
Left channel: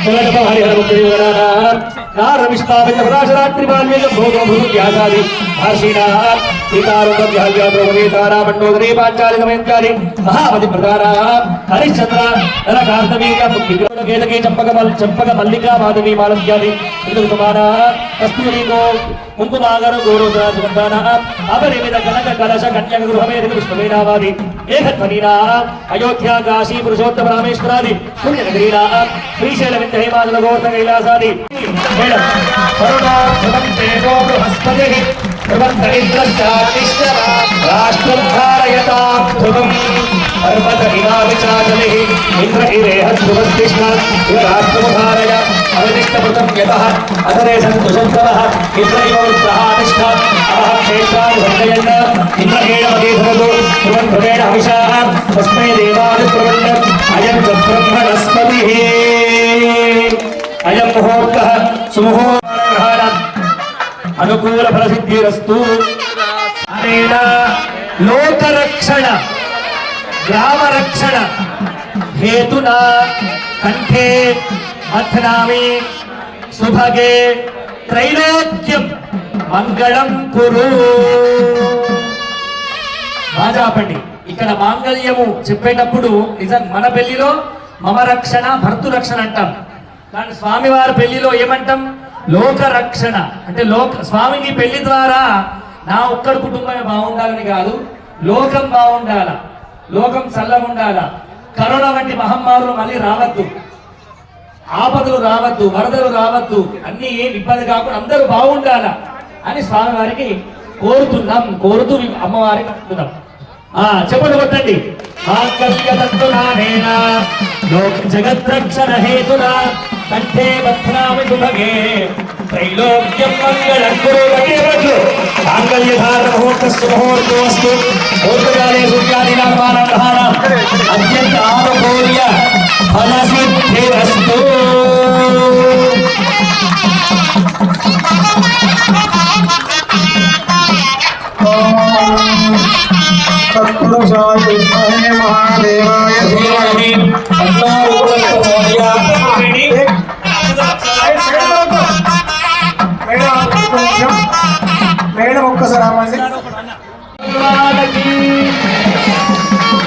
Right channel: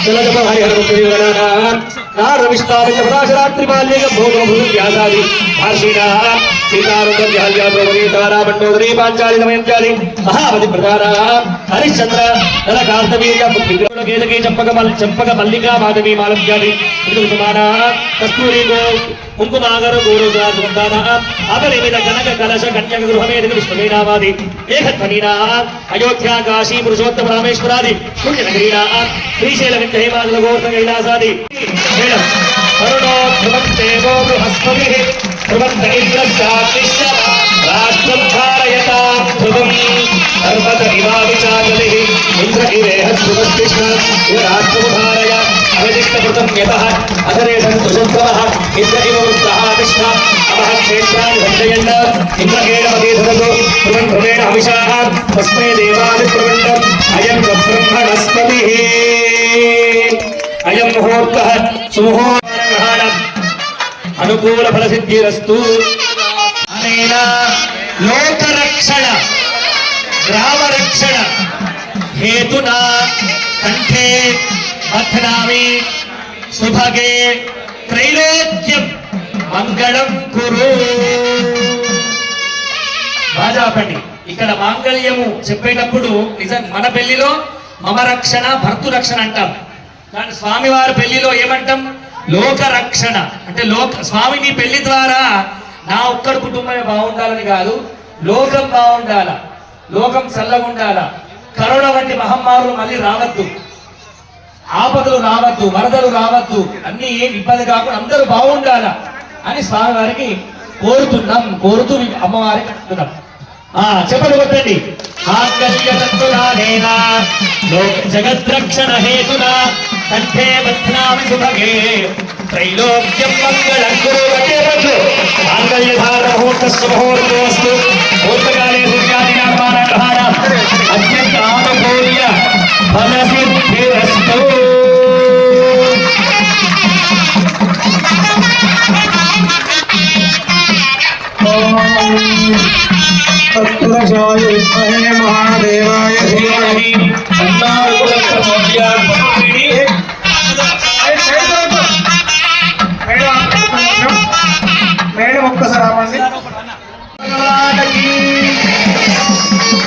चलकपहरिहरमुक्तिविवराणाः नारविष्टावय पराशरात्रिपाल्येक भोगभूव्यासादि महर्षिणाः सीतारुद्रव्याहव्याप्रभवेतारा मण्डोदरी पाञ्चाली दमयन्त्यादि महावति प्रधानाः हरिश्चन्द्र नलकान्तवीर्य विग्रहकेतके चम्पक मल्लिका माधवी मालव्यादि ऋतुसमानाः कस्तूरी गो कुङ्कुमागर गौरवराजवन्दानाः अपरिमित कनक कलश कन्यक गृहमेध विष्णुवेदावादि एकध्वनीनाः अयोध्या काशी पुरुषोत्तम रामेश्वरादि पुण्यनगरीणाः श्रीशैलविन्द हिमाचल गोवर्धनकैलासादि करुणाभ्रमन्तेनो बृहस्पतिः ध्रुवन्तरिन्द्रस्याग्निश्च राष्ट्रभारयतां ध्रुवम् पर्वतनिवाविचाचलिः इन्द्रगिरेह ध्रुवस्तिष्ठ इव राष्ट्रमुखारय अवदिष्टपृतं यतः अधरे सन्तुषोत्तमः इन्द्रगिववृत्तः तिष्ठ अवः क्षेत्रां वर्धयन् इन्द्रगेणमदे धरतु ध्रुवन् ध्रुवेण हविषाः तस्मै देवादिप्रवण्डम् अयं च ब्रह्मणस्पतिः अयं मुहूर्तः सुमुहूर्तः अनुकूल फल सिद्धिरस्तु अनेन लोकरक्षण ग्रामरक्षण हेतुना कंठे मथनामि सुभगे त्रैलोक्यं मंगళం కురు రాజాపండి ఇక్కడ మాంగళ్యము చెప్పేటప్పుడు నిజం మన పెళ్లిలో మమ రక్షణ భర్తృ రక్షణ అంటాం కానీ స్వామివారి పెళ్లిలో ఏమంటాం లోక రక్షణ అంటే స్వామి నీ పెళ్లి ద్వారా నా ఒక్కడి కుటుంబమే బాగుండాలని కాదు లోకం బాగుండాల లోకం చల్లగా ఉండాల కరోనా వంటి మహమ్మారులు మళ్ళీ రావద్దు ఆపదలు రావద్దు వరదలు రావద్దు అన్ని ఏం ఇబ్బంది కాకుండా అందరూ బాగుండాల అని స్వామివారికి కోరుతూ అమ్మవారికి అంటున్నాం చెప్పండి కొట్టండి జగద్రక్షణ హేతునా కంఠే బధ్నామి సుభగే త్రైలోక్యం మంగళం కురు మాంగళ్యధార ముహూర్తస్య ముహూర్తోస్తు పూర్వకాలే సూర్యాదినామానాధార అత్యంతామఘోర్య ఫలసిద్ధిరస్తు महादेवाय धीमहि तन्नो మేడం ఒక్కసారి రావండి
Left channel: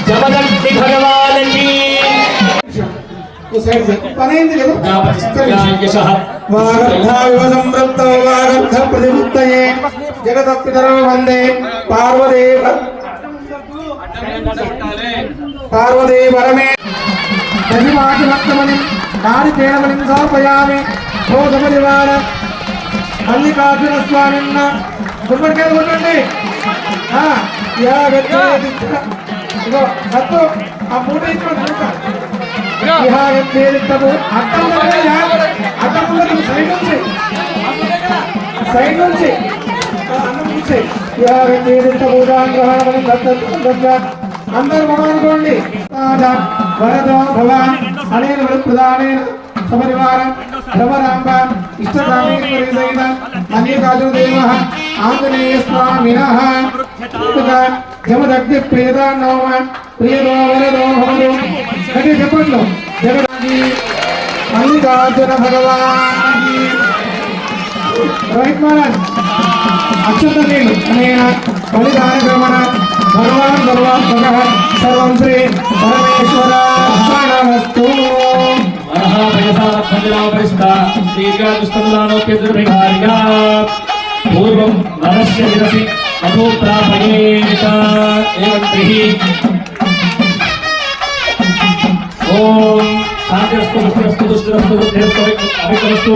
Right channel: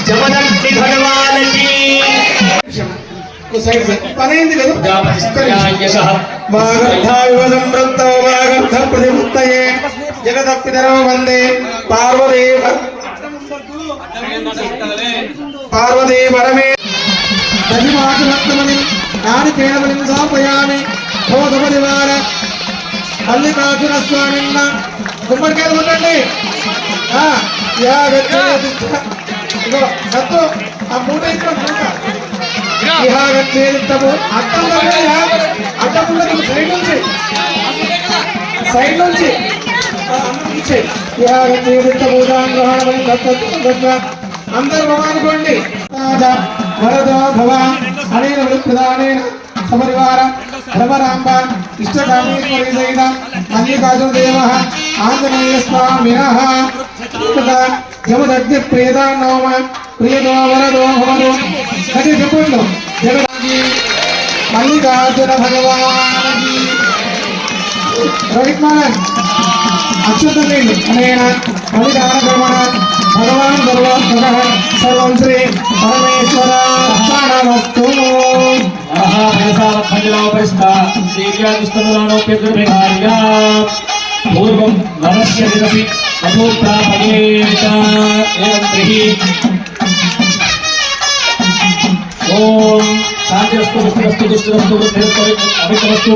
జమదగ్ని భగవానకి పనైంది లేదు ప్రతిముక్తయే జగదప్పితరం వందే పార్వతీ పరమే దశమాసమని నాని కేవలం సమర్పయామి భోజపరివార మల్లికార్జున స్వామిన్న గుమ్మడికాయలు కొట్టండి ఇగో కత్తు ఆ మూట ఇక్కడ మూట ఇహాగచ్చేదిత్తము అర్థం అడ్డపుల్లకి సైడ్ నుంచి ఇహాగచ్చేదిత్తమూదాన్ని అందరు భగవానుకోండి వరదో భవ అనేన ప్రధానేన సపరివారం భవరాంబ ఇష్టకామేశ్వరి సహిత మల్లికార్జునదేవ ఆంజనేయ స్వామినః జమదగ్ని ప్రియదానోమ ప్రియదో వరదో భవదు గట్టి చెప్పట్లో జగదాది మల్లికార్జున భగవానికి రోహిత్ మోహన్ అక్షతలేను అనేన బలిదాన క్రమణ భగవాన్ సర్వం శ్రీ పరమేశ్వర అర్పణమస్తు. పూర్వం నమస్య విరసి అభూప్రాపయేత ఓం శాంతిరస్తు పుష్టిరస్తు దుష్టిరస్తు బుద్ధిరస్తు అభికరస్తు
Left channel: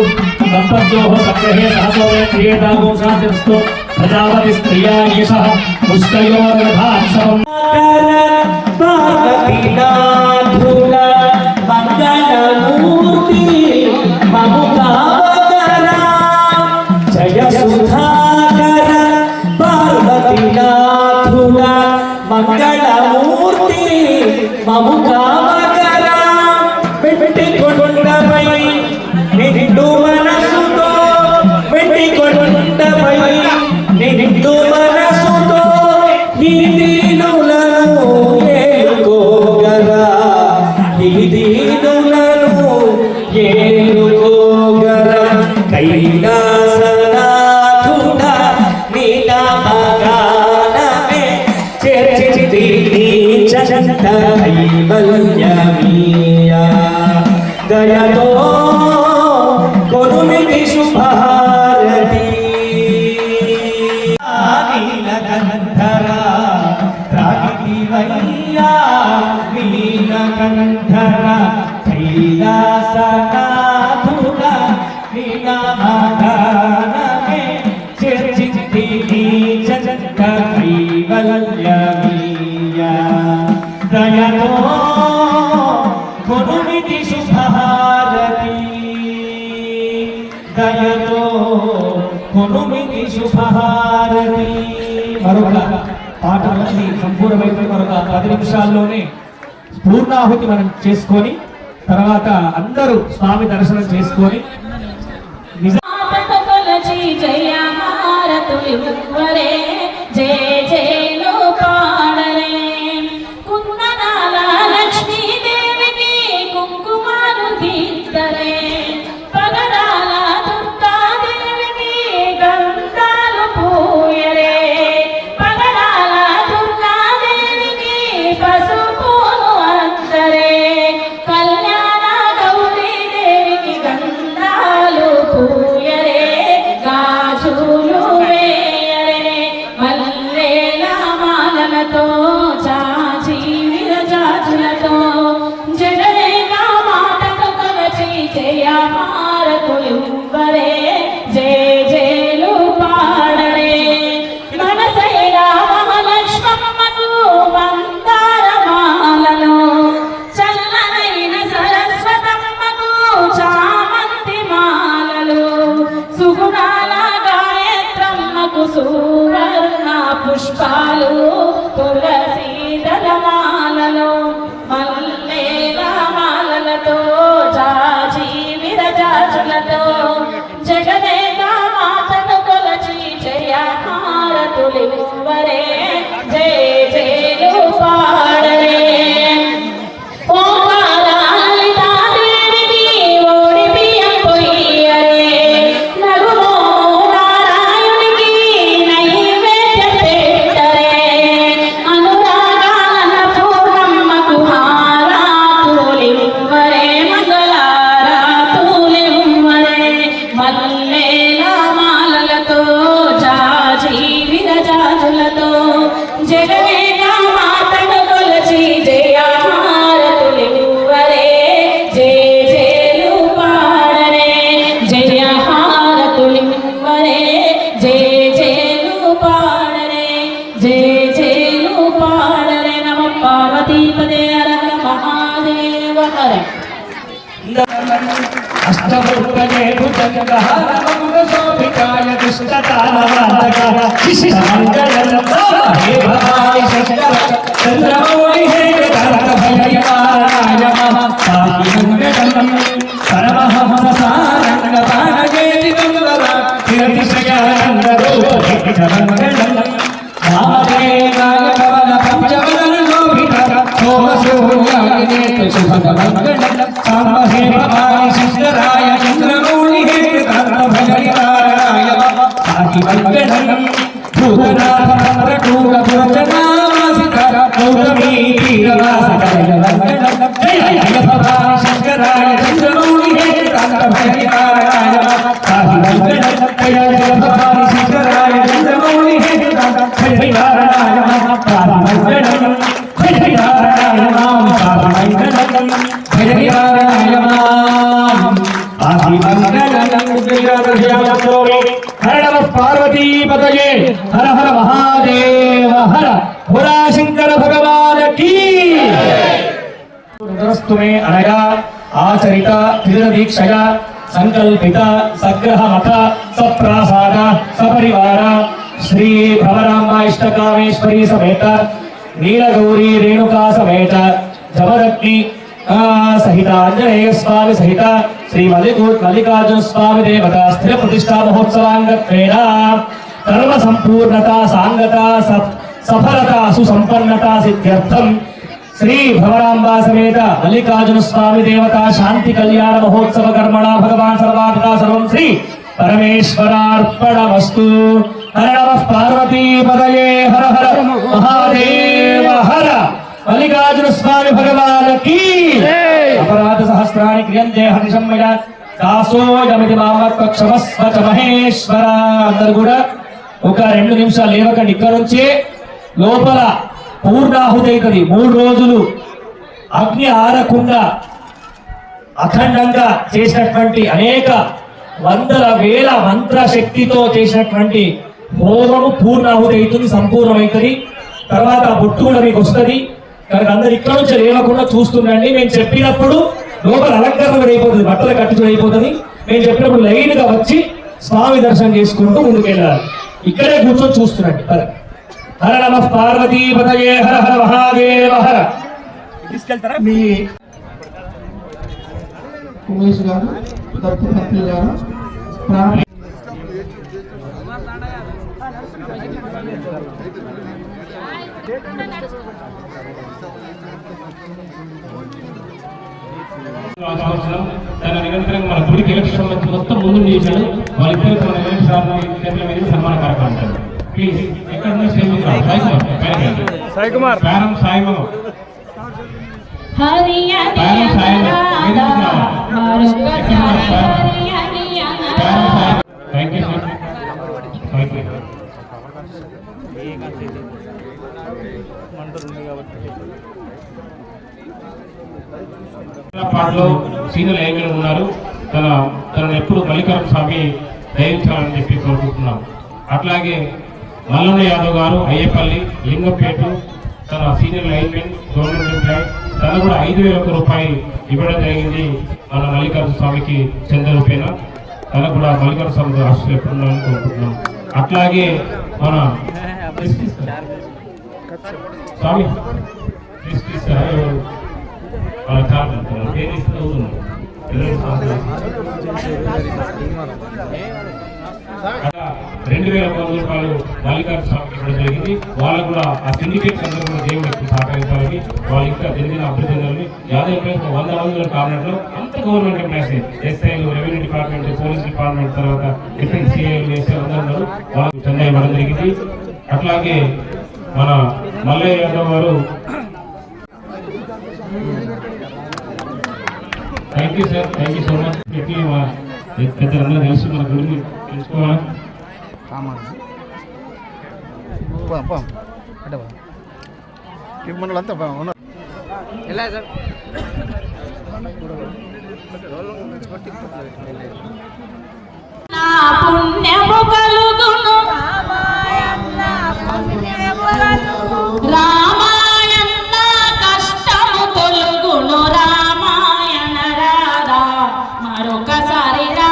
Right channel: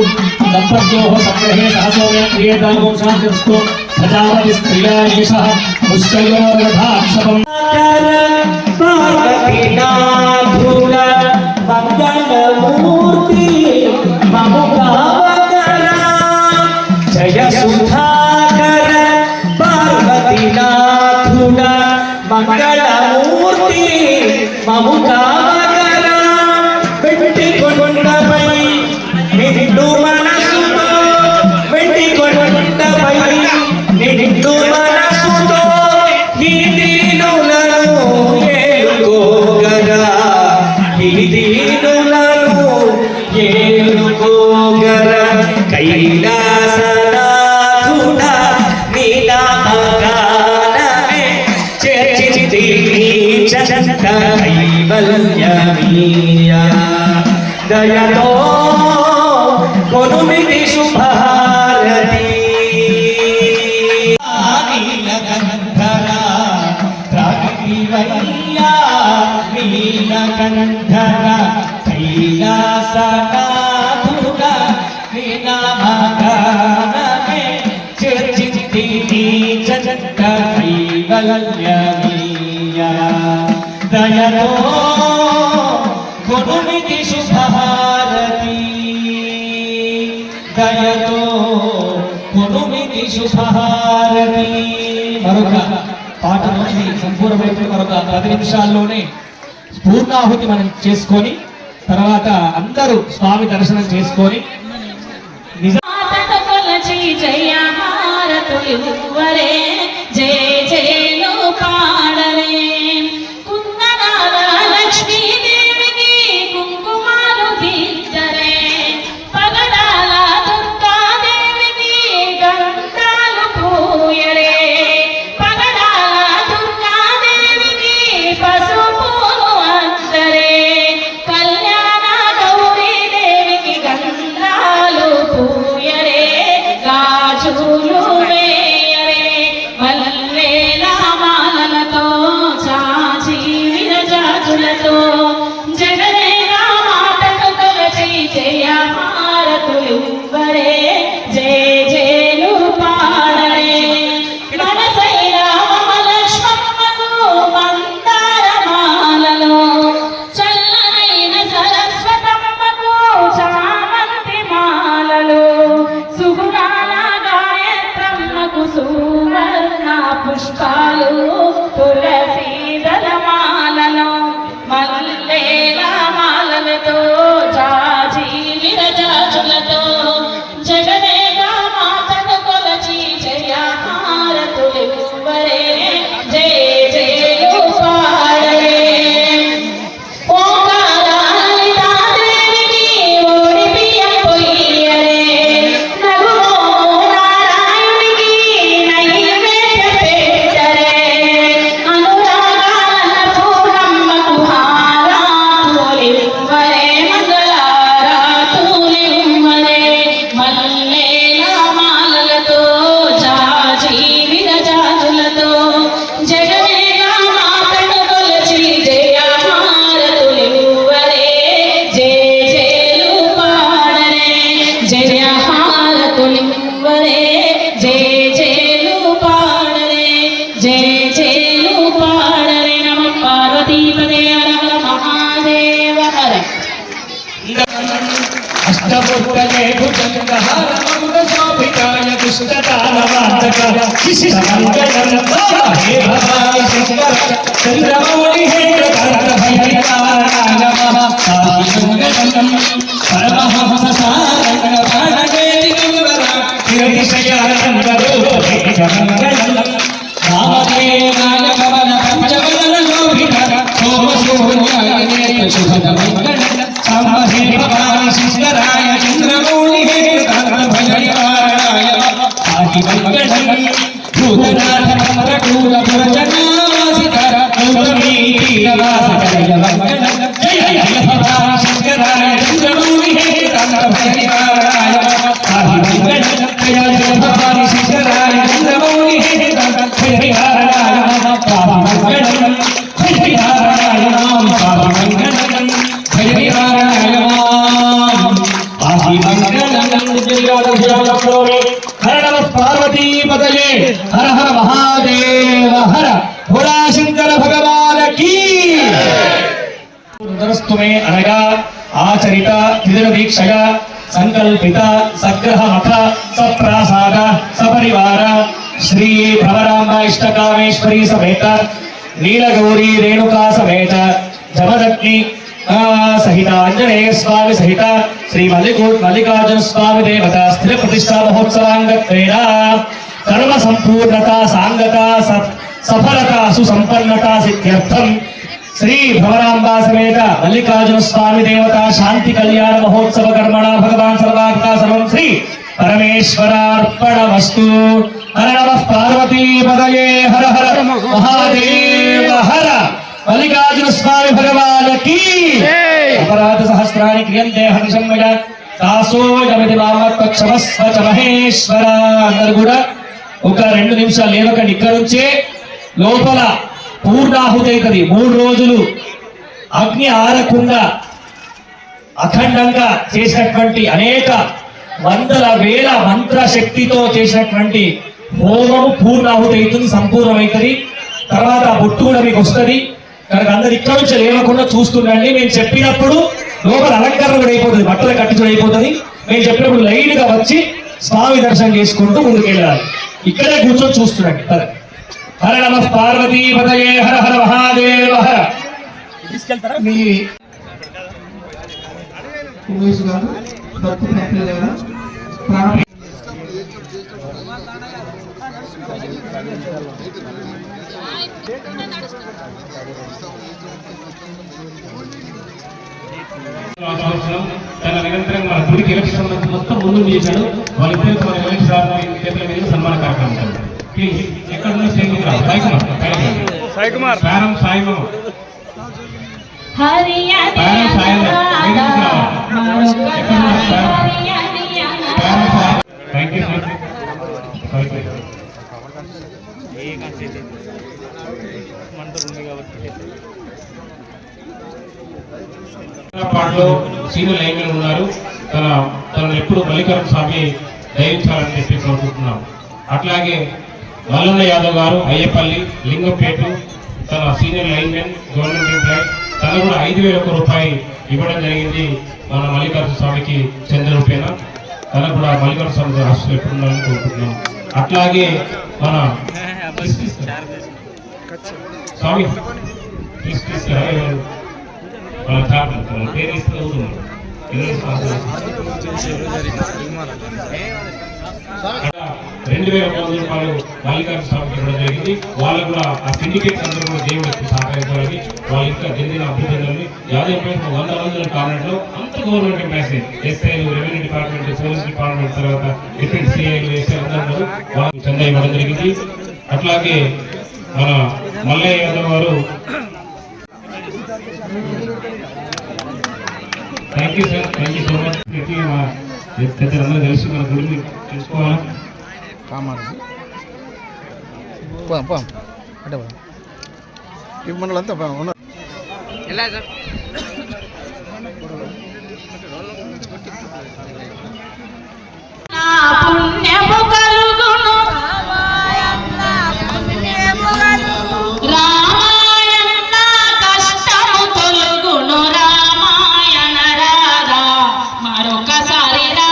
సంపద్యోహ సంగ్రహే సహసోమే క్రియేతాగో శాంతిరస్తు ప్రజాపతి స్త్రియా ఏషః పుష్కయోరధాత్సవం పార్వతీనాథుల మంగళమూర్తి మముకావకర జయ సుధాకర పార్వతీనాథుల మంగళమూర్తి మముకావకర వెంటి కొండపై నిండు మనసుతో వెంటి కొండపై నిండు మనసుతో ఈ దీనులను ఏలుకోగరా ఈ దీనులను ఏలుకోగరా కైలాసనాథుడా నీ నామగానమే చేర్చితి చంత కైవల్యమీయా దయతో కొనుమితి శుభారతి నీలకంఠర కైలాసనాథుడ నీనామగానమే చేర్చితి చంత కైవల్యమీయా దయతో కొనుమితి శుభహారతి దయతో కొనుమితి శుభహారతి. మరొక పాట నుంచి సంపూర్ణమైన మరొక 10 నిమిషాల్లోనే పూర్ణాహుతి మనం చేసుకొని తర్వాత అందరూ స్వామి దర్శనం చేసుకొని జయ హారతులివ్వరే జయ జయలు పాడరే కుందనాల లక్ష్మీదేవికి కుంకుమాలు దిద్దరే పగడాల దుర్గాదేవికి గంధాలు పూయరే పగడాల దుర్గాదేవికి పసుపులు అందరే కళ్యాణ గౌరీదేవికి గంధాలు పూయరే గాజులు వేయరే మల్లెల మాలలతో చాచి విరజాజులతో జగదేగా మాటకు కలచి జయ హారతులివ్వరే జయ జయలు పాడరే మనసైల మహాలక్ష్మమ్మకు మందార మాలలో చల్లనైన సరస్వతమ్మకు చామంతి మాలలు సుగుణాల గాయత్రమ్మకు సువర్ణ పుష్పాలు తులసీదల మాలలో మల్లేల మాలలతో జాజి విరజాజులతో జగదేగా మాతను కొలచి జయ హారతులివ్వరే జయ జయలు పాడరే ఓంకారాలితాదేవికి ఓడి బియ్యం పొయ్యరే నగుమో నారాయణునికి నైవేద్య పెట్టరే అనురాగాల పూర్ణమ్మ భుజగే భుజంగహార మగుల శోభితాయ దుష్టతానవాదక విశిష్టమంగళం హే భవాయ శంకర చంద్రమౌళి హే కరణ భయకారాయ నమః సాహిమంగళం పరమహంస సారంగ పాణగేతి నందన శ్రీశయానంద రూప మంగళం నామదేవాయ కమల పంచవదన శోభిత సోమశోభ్యాయ శుభమంగళం సామహే భవాయ శంకరాయ చంద్రమౌళి హే కర్ణ భజకారాయ సాహిమంగళం భూతనాథ మంత్రకూల భుజనావాసికర గౌతమీ తీరవాసికర మంగళం జయ జయ భవాయ శంకరాయ చంద్రమౌళి హే కర్ణ భజకారాయ సాహిమంగళం జయ జయ భవాయ శంకరాయ చంద్రమౌళి హే కర్ణ భజకారాయ సాహిమంగళం భజకారాయ నామ సాహిమంగళం భజకారాయ నామ సాహిమంగళం హర నమ పార్వతీ పతయే హర హర మహాదేవ హర భోళా శంకర భగవాన్ కీ మే అనగా ఆచరిత త్రిదిన దీక్షయ సంకల్పిత సగ్రహ మత సప్రాసాద సపరివార శ్రీ భ్రమరాంబ ఇష్టకామేశ్వరీ సమేత నీలగౌరీ రేణుకా సమేత జమదగ్ని సహిత ఆంజనేయ స్వామి సహిత శ్రీ మల్లికార్జున స్వామి దేవత స్థిర ప్రతిష్టా మహోత్సవాంగత్వేన కర్మ సంపూర్ణత సాంగత సఫలత సుసంపన్నత సిద్ధ్యర్థం శ్రీ భ్రమరాంబ సమేత మల్లికార్జున స్వామి దేవత శాంతి కళ్యాణ మహోత్సవ కర్మణ భగవాన్ సర్వాత్మక సర్వం శ్రీ పరమేశ్వరార్పణమస్తు హర నమః పార్వతీ పదయే హర హర మహాదేవ హర మల్లికార్జున స్వామి భగవాన్ కీ అపరాధ సహస్రాన్ని క్రియంతే హరిశమ్మయ దాసోయమితి మామత్వక్షమస్వ చ మహేశ్వర. అందరూ కూడా ఒక 2 నిమిషాలు లేవకండి. ఇక్కడ నుంచే లోపల పూర్ణాహుతి అవుతుంది. 3 రోజులు అగ్ని ఆరకుండా అఖండంగా చేసినటువంటి అనేక వందల వేల మంత్ర శక్తితో చేసినటువంటి హోమము పూర్ణాహుతి అవుతుంది, సంపూర్ణమవుతుంది. తర్వాత ఆ బొట్టు కూడా మీకు వస్తుంది. కనుక అందరు ఇక్కడ నుంచి లేవకుండా చూస్తుండండి. మేము చెప్పినప్పుడు లోపల అలంకరణ అయిపోతుంది, బట్టలు కట్టించడం అయిపోతుంది. మేము చెప్పినప్పుడు లైన్ గా వచ్చి స్వామి దర్శనం చేసుకుంటూ ముందుకు వెళ్ళాలి. ఇక్కడే కూర్చొని చూస్తుండండి. హర నమః పార్వతీ పదయే హర హర మహాదేవ హర. మీ ఉమేష్ గారు భక్తి ప్రక్రియ గారు ప్రాణ తన నిరంతరంగా మన గుడికి ఎలక్షన్ మొత్తం ముందు చేశాడు. వాళ్ళిద్దరు మన ఎలక్షన్ కేంద్ర మీద సన్మాన కార్యక్రమం ఉంటుంది. ప్లీజ్ ఎక్కడ నుంచి సాయి కుమార్ ప్రారం సాయిబాబా పాటలో సీనియర్ లైన్ ఉన్నారు. తనను ఎప్పుడు మల్లికార్జున స్వామి దయించాలని చెప్పి కోరుకుంటున్నాం. అట్లాగే మల్లన్న యాదవ్ గారు అయ్యపల్లి లింగంపేట తన సీనియర్ లైన్మెన్ గవర్నమెంట్ ఎంప్లాయ్, తను కూడా 5,000 రూపాయలు ఇవ్వడం జరిగింది మన మల్లికార్జున స్వామికి చెందిన రూపేణ. తనకు కూడా మల్లికార్జున స్వామి ఆశలు ఎప్పుడు ఉండాలని కోరుకుంటున్నాం. అట్లాగే మన స్వామి వాళ్ళ జాబ్ పేరు ఇస్తే 2,100 రూపాయలు మల్లికార్జున స్వామికి ఇవ్వడం జరిగింది. వాళ్ళు కూడా ఆ సిండికేట్ అందరూ కూడా దేవుడికి సహకరించాలని వాళ్ళు ఇంకా జరిగిన అభివృద్ధి యాదవ్ 100 రోజుల కాలంలో అంత గవర్నమెంట్ ఎంప్లాయీస్ ఎస్ఐలు, రెవెన్యూ డిపార్ట్మెంట్, పోలీస్ డిపార్ట్మెంట్, తర్వాత డిఫరెంట్ సిఐలు, ఎస్ఐ అందరూ వాళ్ళు చెందా ఇవ్వడం జరిగింది. అట్లాగే మన మల్లయ్య యాదవ్ గారు thank you sir, thank you so much. పెద్దలందరూ కలిసి మన గుడిని తెలుసుకోవాలా. పుణ్యము కలుగును రామాయణ కష్టము తొలుగును రామాయణ రారా మరొకసారి రా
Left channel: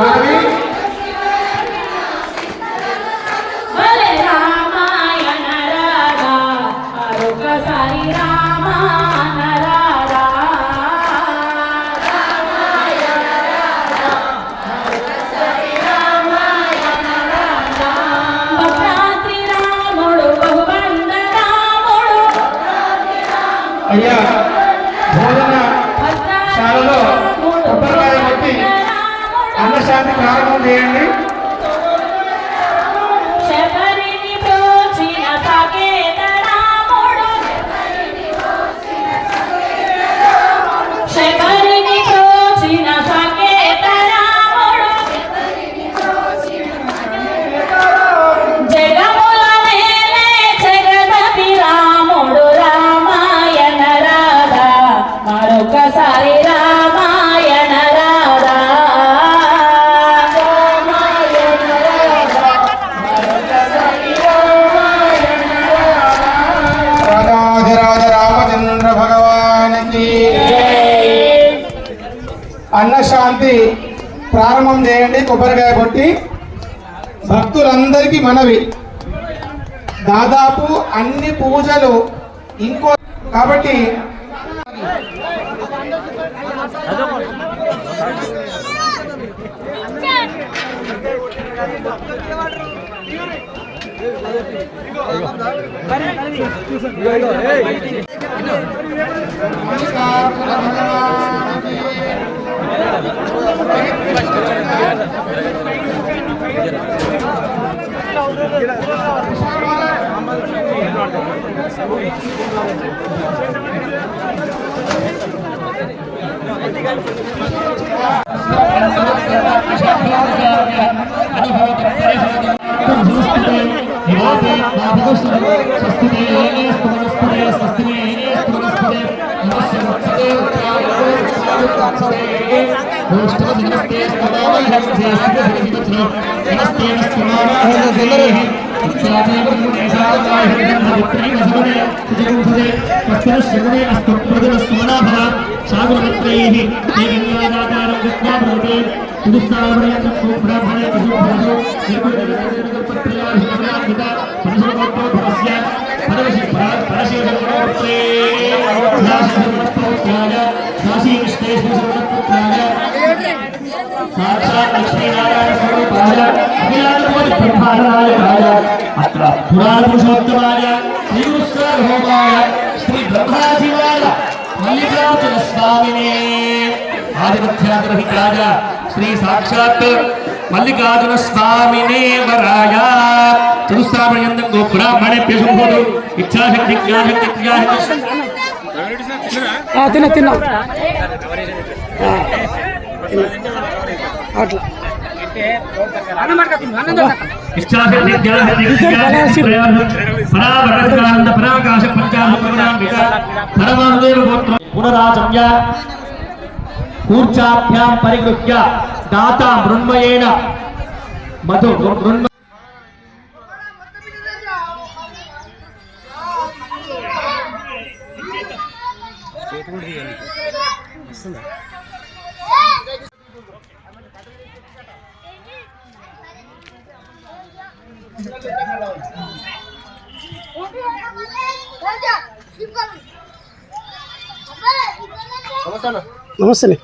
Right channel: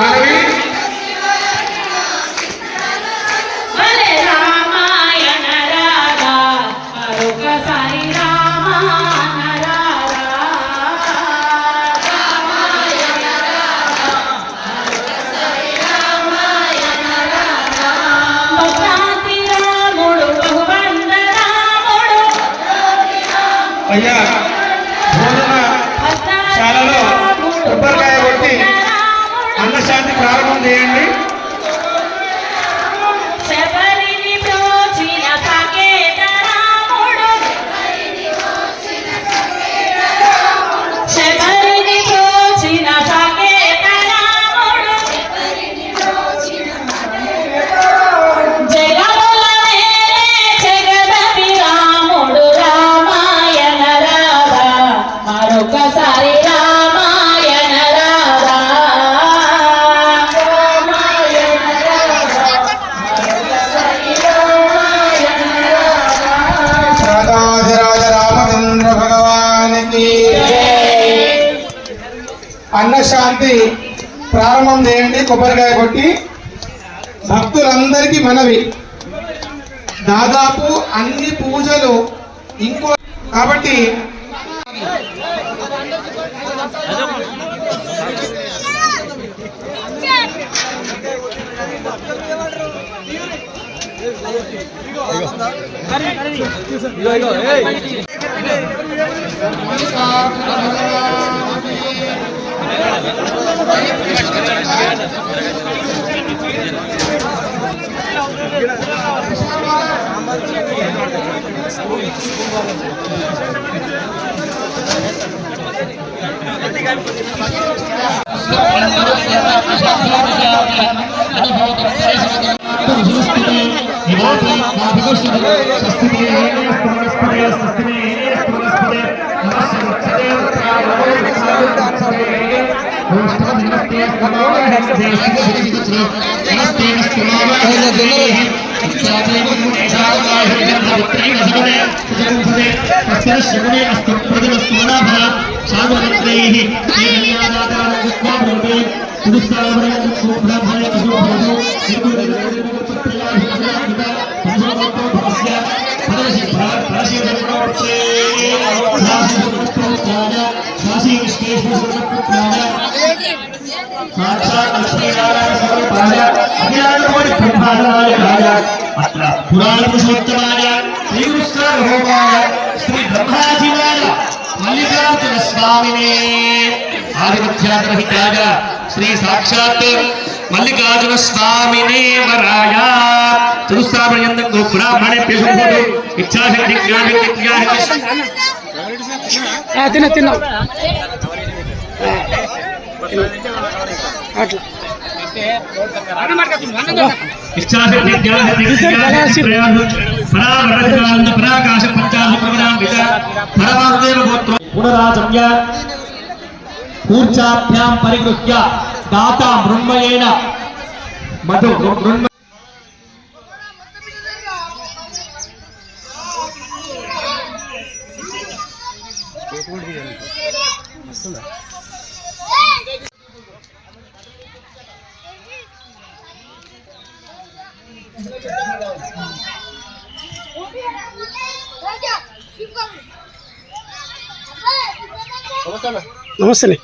మనవి భలే రామాయణ రాగా మరొకసారి రామాయణ రాగా భక్తాతి రాముడు బహుబంధ రాముడు అయ్యా భోజనశాలలో కొబ్బరికాయ కొట్టి అన్నశాంతి ప్రారంభం చేయండి. శబరిని ప్రోచిన పకేత రాముడు శబరిని ప్రోచిన పకేత రాముడు జగముల మేలే జగదపి రాముడు రామాయణ రాగా మరొకసారి రామాయణ రాగా రాజాధిరాజ రామచంద్ర భగవానికి అన్నశాంతి ప్రారంభం చేయండి. కొబ్బరికాయ కొట్టి భక్తులందరికీ మనవి, దాదాపు అన్ని పూజలు ఇంకో కాబట్టి పురాణ పురుషోత్తమాయ శ్రీకృష్ణాయ శ్రీ బ్రహ్మాజీవాయ మల్లికార్జున స్వామినే ఆధిపత్యాగ్రహితాయ శ్రీ సాక్షాత్ మల్లికార్జున స్వామినే వరాయ తులసామయందం గోబ్రాహ్మణే పేషుడు ఇచ్ఛాశక్తి తిన్నా తిన్నా అట్లా ఇచ్ఛాశక్తి జ్ఞానశక్తి పరావరకానంద పరాకాశ పంచామృత పరమదేవ గోత్ర పునరాజమ్య కూర్చాభ్యాం పరిగృహ్య దాత మృన్మయేన మధు మృన్మ నమస్తే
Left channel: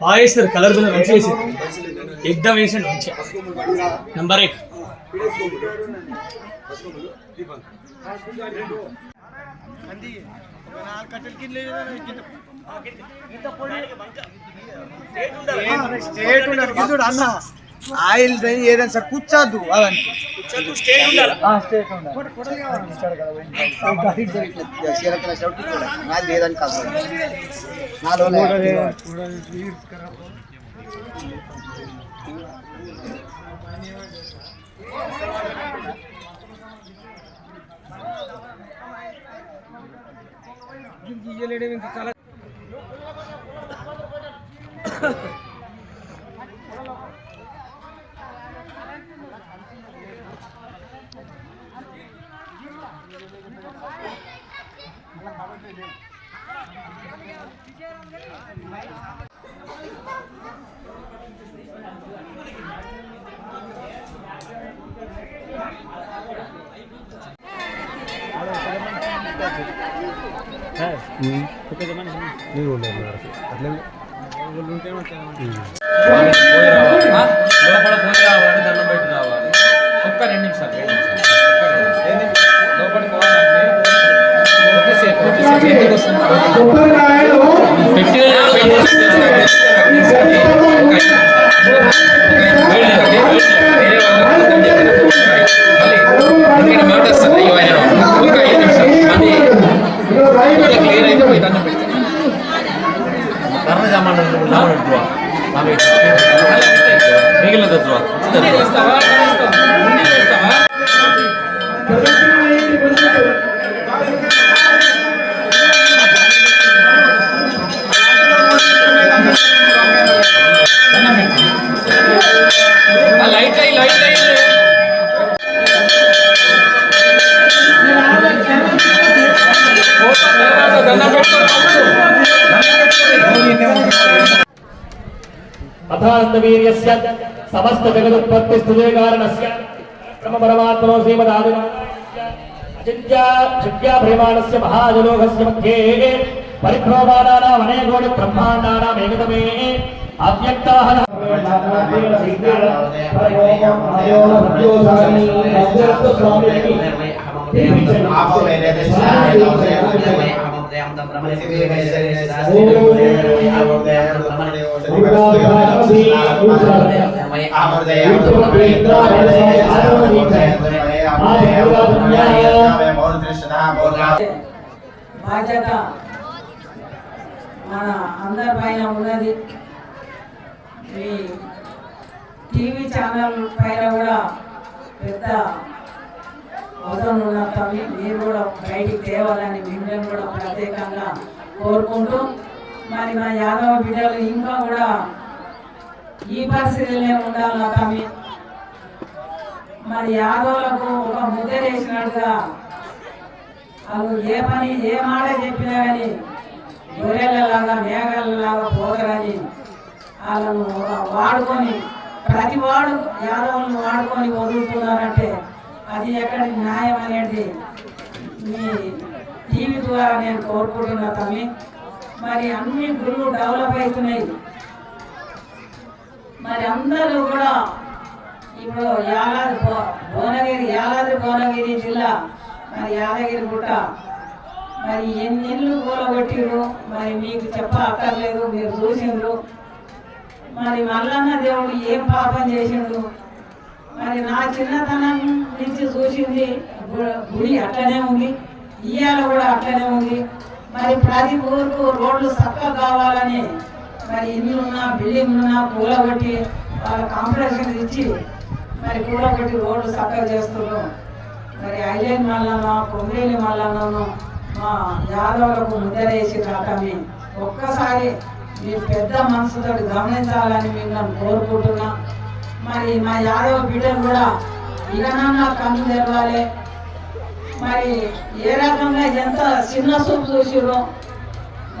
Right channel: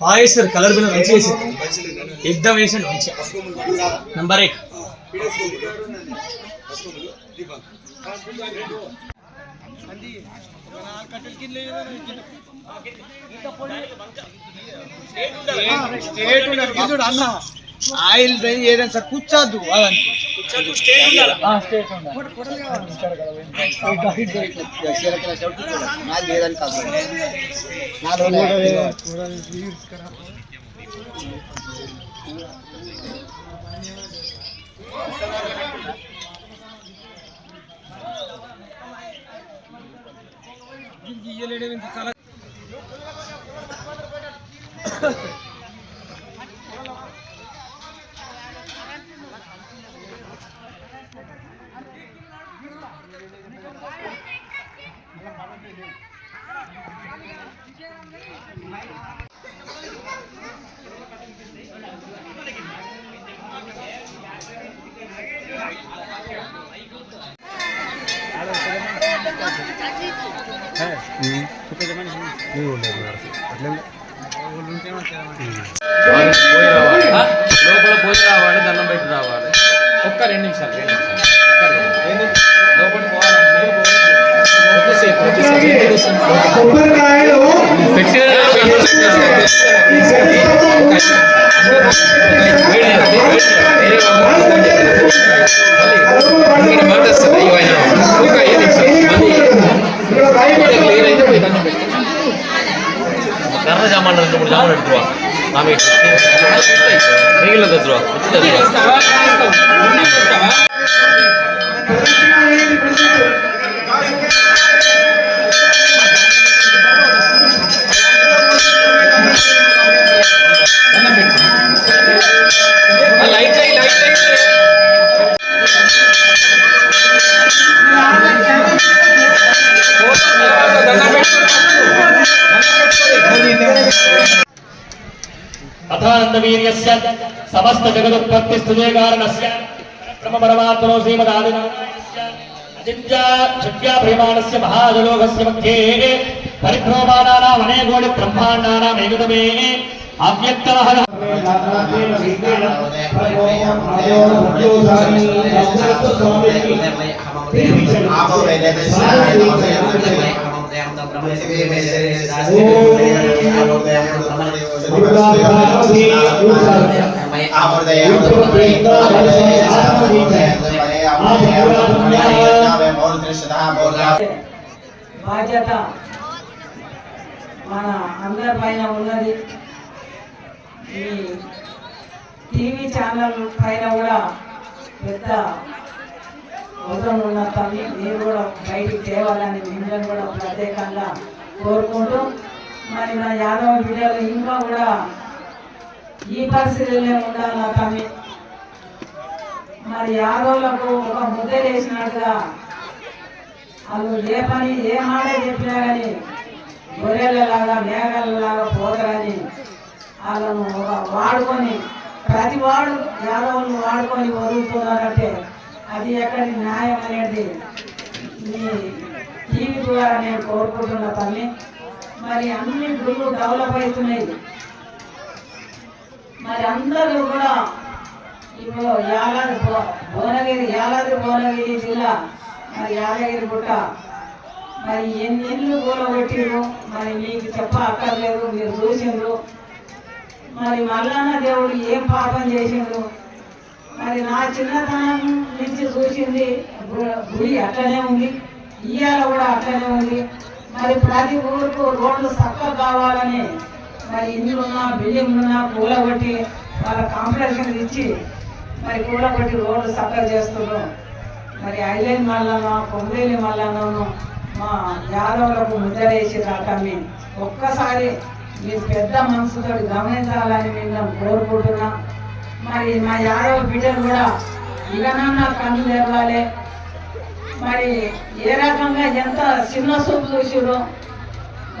బాగా వేస్తారు, కలర్ కూడా మంచిగా వేసారు, ఎగ్దమ్ వేసాడు మంచిగా. నంబర్ 1. అన్న ఆయిల్ ఏదైనా సార్ కూర్చోద్దు అదంటే ఒక్క 2 నిమిషాలు కర్ర జామాన్ 2-3 జామాన్ ఎడుతువా ఆమె మిగిలిన తెచ్చువా अथानन्दवीर्यस्य समस्त जगदुत्पत्ति स्थिते कारणस्य ब्रह्मपरमात्मनो श्रीमदादिनाथस्य अचिन्त्य शक्त्या प्रेमाणस्य महाजलोकस्य मध्ये परिभ्रममानानाम् अनेकोटि ब्रह्माण्डानाम् एकतमे अव्यक्तः బాధ్యత మన అందరి పైన ఉన్నది. ఈ టీవీ ఛానల్ పైన కూడా పెద్ద అవసరం ఉన్న పని మీరు కూడా బయటికి తేవాలని మిమ్మల్ని కూడా ప్రత్యేకంగా కోరుకుంటూ, మరి మన యాదవ బిడ్డలు ఇంకా కూడా ఈ పరిస్థితులే ఉండాలి తమ్మి. మరి యాదవులకు ఒక ముద్ద వేసినట్టుగా వాళ్ళు ఏ పని ఏ మాట చెప్పినా కానీ గొర్రెలలాగా మేఘాలలాగా పోతారని వాళ్ళను వాడుకొని ప్రతి వాడు యాదవులను వాడుకొని వదులుతున్నారంటే అది ఎక్కడి న్యాయం అనేది మీ టీవీ ద్వారా నేను కోరుకుంటున్నా తమ్మి. మరి అన్ని గుళ్ళు డెవలప్ అవుతున్నాయి. మరి అందరూ కూడా ఇప్పుడు యాదాద్రి భువనగిరి జిల్లా మరి యాదగిరి గుట్ట మరి ఎన్నెళ్ళు కూలబెట్టిరు, మరి మీకు చెప్ప అక్కర్లేదు, మీరు చూసిండ్రు. మరి మల్లన్న దేవుడు ఏం పాపం చేసిండు, మరి నా చిన్నతనం నుంచి చూసింది గుడి అట్లనే ఉంది, ఇయ్యాల కూడా అట్లనే ఉంది. మరి ప్రతి ఊరుకు రోడ్లు చక్కగా కావాలని మరి ఇండ్లున్నా బిల్డింగ్లున్నా కూలగొట్టి వాళ్ళ కాంపిటీషన్ ఇచ్చి మరి కూలగొట్టి రోడ్లు చక్కగా చేస్తున్నారు. మరి ఐలేని మల్లన్న పొందేలి మల్లన్నను మా యాదవులకు ముద్దరేసి రావటాన్ని ఒక్కసారి మీ పెద్ద మనసుతో గమనించాలని మిమ్మల్ని కోరుకుంటున్నా. మరి మా యాదవ్ బిడ్డలు కూడా ఇకనన్నా కన్ను తెరవాలి. మరి ఏ రకంగా ఎంత చిన్న చూపు చూసిరో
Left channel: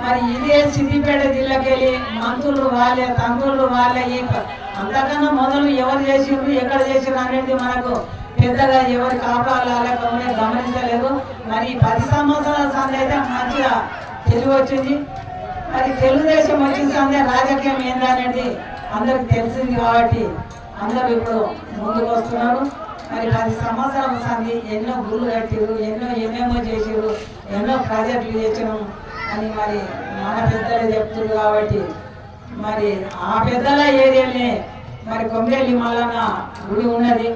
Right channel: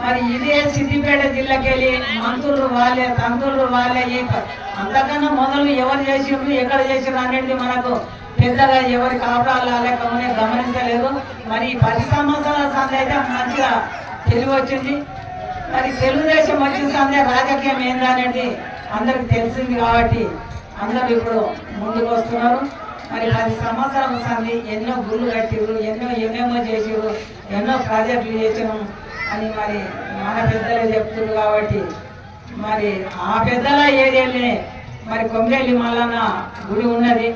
మరి ఇదే సిద్దిపేట జిల్లాకెళ్ళి మంత్రులు వాళ్ళే, తండ్రులు వాళ్ళే, అంతకన్నా మొదలు ఎవరు చేసిండ్రు, ఎక్కడ చేసిండ్రు అనేది మనకు పెద్దగా ఎవరి కాపురాలు లేకపోతే గమనించలేదు. మరి 10 సంవత్సరాల సంది అయితే మంచిగా తెలివి వచ్చింది. మరి తెలుగుదేశం వచ్చిన సందే రాజకీయం ఏందనేది అందరికి తెలిసింది కాబట్టి అందరూ ఇప్పుడు ముందుకు వస్తున్నారు. మరి 10 సంవత్సరాల సంది ఎన్నో గుళ్ళు కట్టిరు, ఎన్నెన్నో చేసిరు, ఎన్నో ప్రాజెక్టులు చేసాము అని మరి మన పెద్దలు చెప్తున్నారు. కాబట్టి మరి ఆ పెద్దల ఏరియాలే మరి కొమ్మిరెల్లి మల్లన్న గుడి ఉన్నది.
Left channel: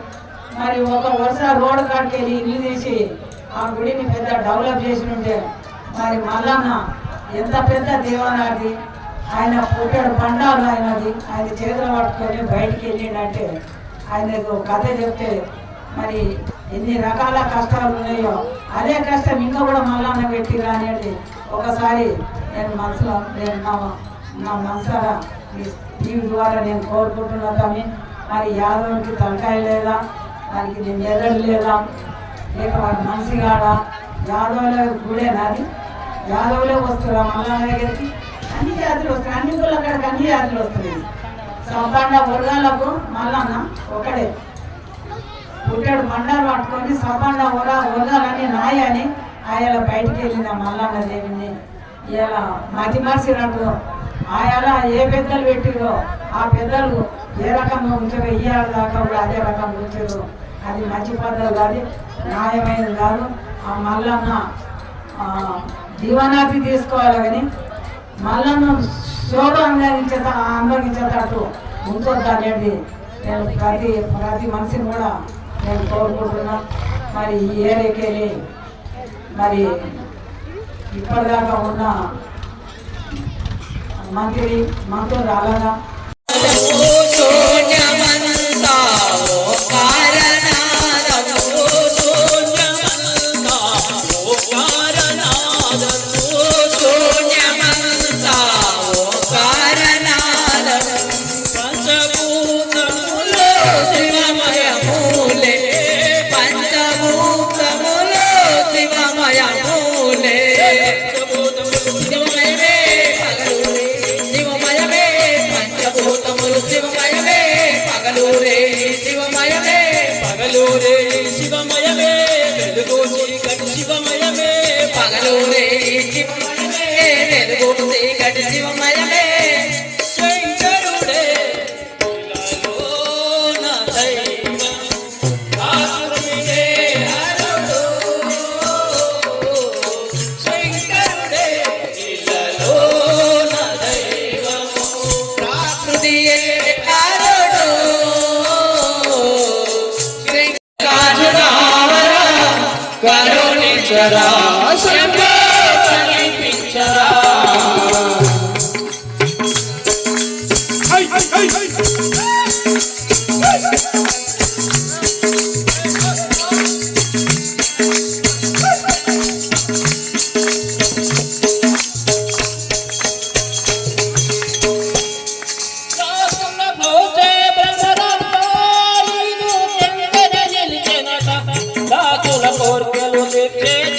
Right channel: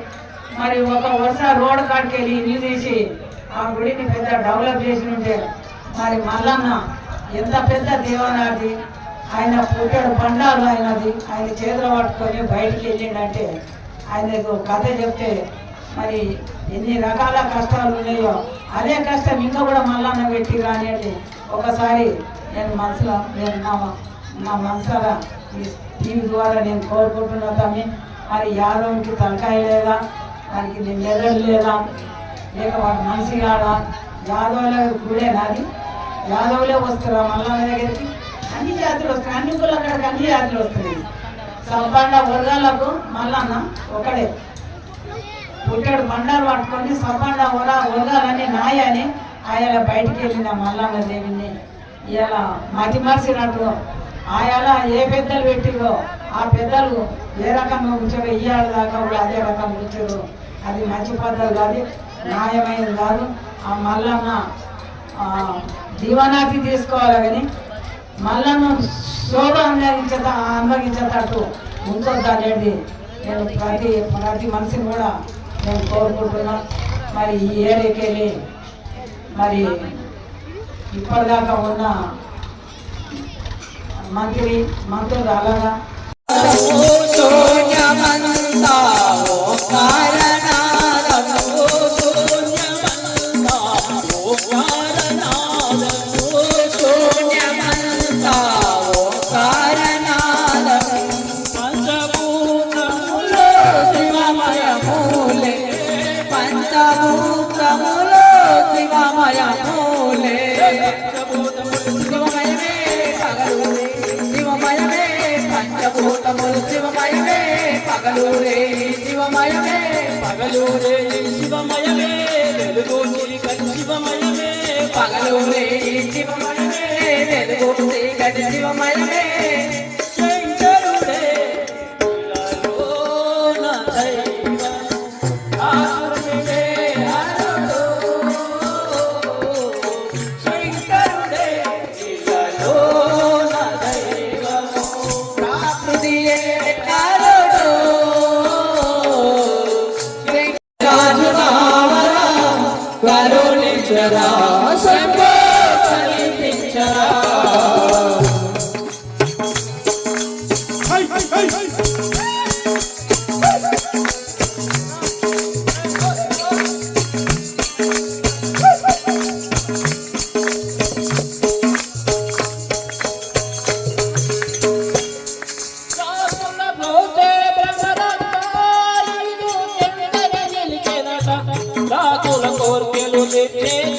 మరి ఒక వరుస రోడ్డు కాడికి వెళ్ళి ఇల్లు తీసి ఆ గుడిని పెద్ద డెవలప్ చేసి ఉంటే మరి మల్లన్న ఎంత పెద్ద దేవాలయాది, ఆయన పుట్టాడు బండాలు ఆయనది, ఆయన చేతులు పట్టుకొని బయటికి వెళ్ళిండంటే ఆయన కథ చెప్తే మరి ఎన్ని రకాల కష్టాలు ఉన్నాయో అదే కష్టం ఇంకా కూడా మల్లన్న పెట్టిరా అనేది ఒకసారి నేను మనసులో నా మనసారా ఈ టీవీ ద్వారా నేను కోరుకుంటున్నా. కానీ మరి యాదవ్కి తలకాయ లేదా, వారికి నేను ఎదడు లేదా, లేక వారి మనిషి కాడా, యాదవ్లే గుడే నాది, యాదవ్లే వస్తారా మల్లన్న దగ్గరికి, అన్ని జాతులు వస్తాయి, అన్ని ఊళ్ళో అక్కడికి అన్ని జాతులు వస్తాయి. సంపన్న వర్గాలకు మల్లన్న ఒకడే పుట్టాడు బండారు పట్టుకొని సంపన్న వర్గాలని నాయని ఆయన బయటికి వెళ్ళిన మల్లన్న దేవిని ఇలా మతి మరిచినట్టు ఆయన ఏ పెద్దలు పెట్టిరో ఆ పెద్దలు ఏ రకంగా ఉంచారో ఇయ్యాల దాకా కూడా అదే రకంగా ఉంచారు. అది మంచి పద్ధతి కాదు, న్యాయమైనది కాదు. ఆ మల్లన్న జీవనాతి తీసుకోవాలి కానీ మల్లన్న శోభ అనుభవించేటట్టు ఉంచొద్దు అనేది నేను ప్రతి మనిషిని కూడా నేను కోరుకుంటున్నా. మరి ఈ ఏరియాకి వెళ్ళి మరి ఇప్పటిదాకా ఉన్న మంత్రులు అలాగా పగలూరే శివమయమే వెలుగు చీకటి శివమయమే పగలూరే శివమయమే వెలుగు చీకటి శివమయమే శంకరుడే ఇలలోన దైవం ఆసురుడే హరుడు శంకరుడే ఇలలోన దైవం ప్రాకృతియే కరుణించరా సమీపించరా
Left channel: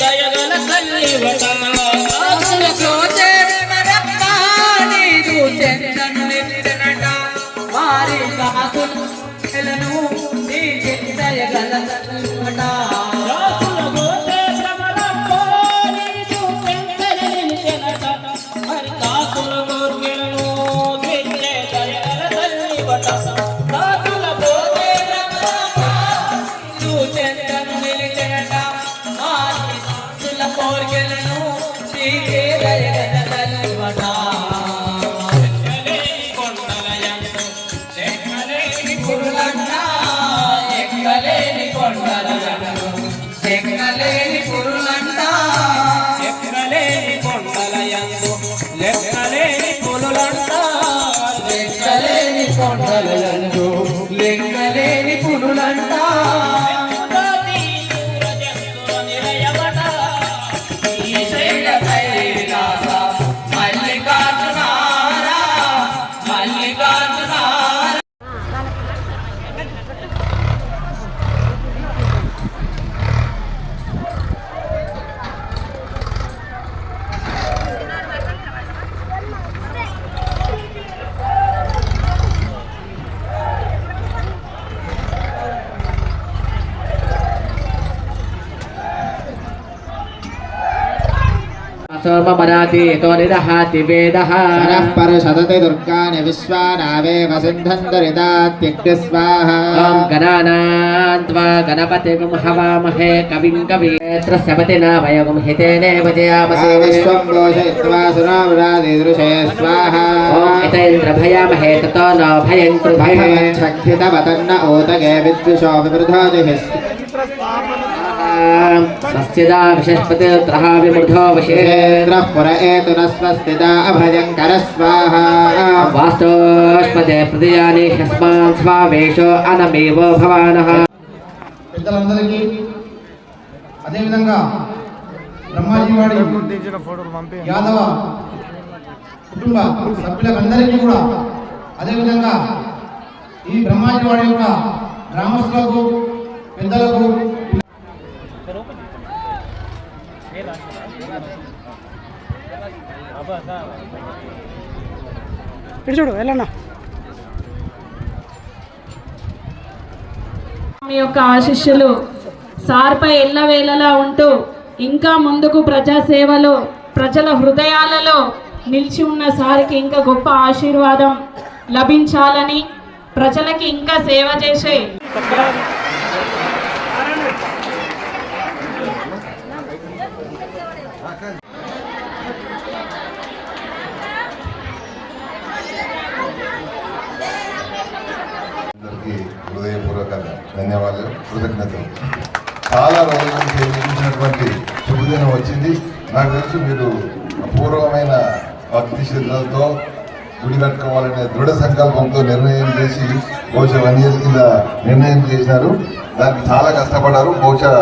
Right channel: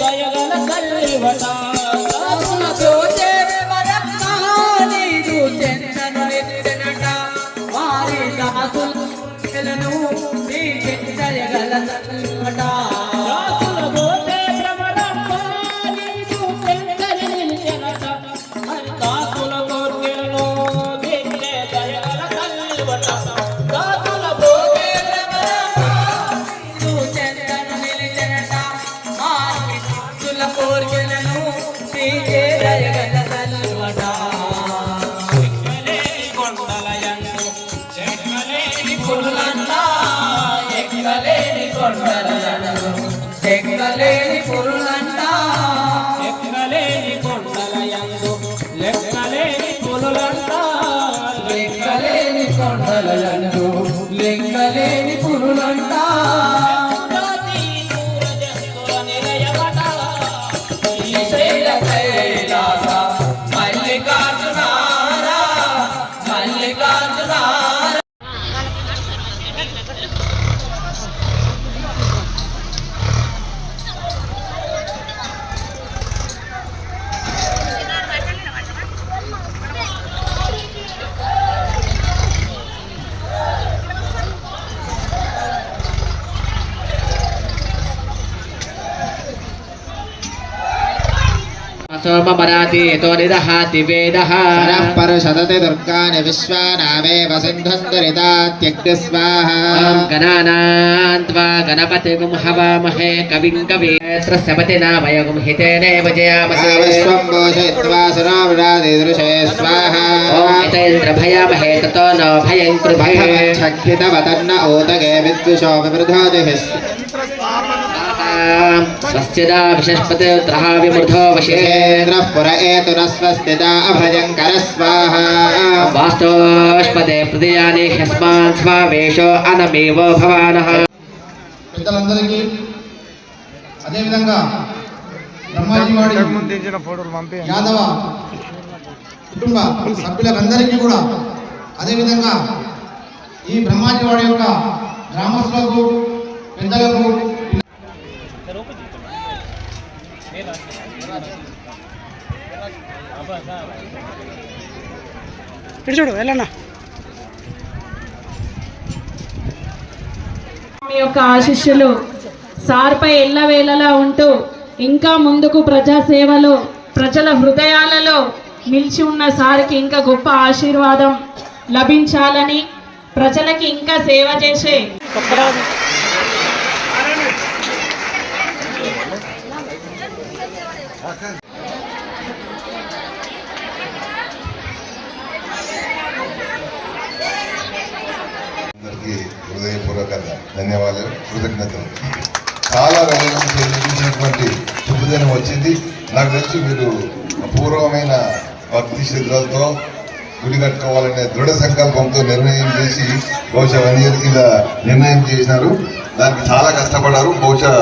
జయగల తల్లివట వారి सोममरातीतो निदहाति वेदः सरः परशतते दुर्गानि विश्वानावेव सिन्धुन्दरितात्यग्निस्वाहा ॐ गणानां त्वा गणपतिगुं हवामहे कविं कवीन्द्रस्य पतिना वयगुं हितेनेव जयामहे विश्वं घोषयित्वा सुरावृणादिदृशे स्वाहा ॐ हितेन्द्र भयामहे ततो न भयं कृभये छक्षितवतन्न ओदगे विद्विषो विवृधादिः स्वस्तिदा विशस्पतिर्त्रः विमृधो विशेन्द्रः पुर एतुरस्वस्तिदा अभयङ्कर स्वाहा वास्तोष्पदे प्रदयानि ह्यस्मान् स्वावेशो अनमेव भवानः పెద్దలందరికీ అదేవిధంగా బ్రహ్మాజీవాడి యాదవ కుటుంబ సభ్యులందరికీ కూడా అదేవిధంగా ఈ బ్రహ్మాజీవాడి యొక్క గ్రామస్తులకు పెద్దలకు ఇటు చూడు వెళ్ళన్నా. మీ యొక్క ఆశీస్సులు సార్పై ఎల్లవేళలా ఉంటూ ఇంకా ముందుకు ప్రజాసేవలో ప్రజల హృదయాలలో నిలిచి ఉన్న సార్కి ఇంకా గొప్ప ఆశీర్వాదం లభించాలని ప్రజలకి ఇంకా సేవ చేసే హృదయపూర్వక ధన్యవాదాలు, కృతజ్ఞతలు. చాలా రోజుల నుంచి చూసినటువంటి శుభదినం వచ్చింది. నాకు తెలుసు మీరు అపూర్వమైన భక్తి శ్రద్ధలతో గుడి కట్టుకోవాలనే దృఢ సంకల్పంతో నిర్ణయం చేసి బహుశా 1 year కింద నిర్ణయం చేసినారు. దానికి చాలా కష్టపడ్డారు. బహుశా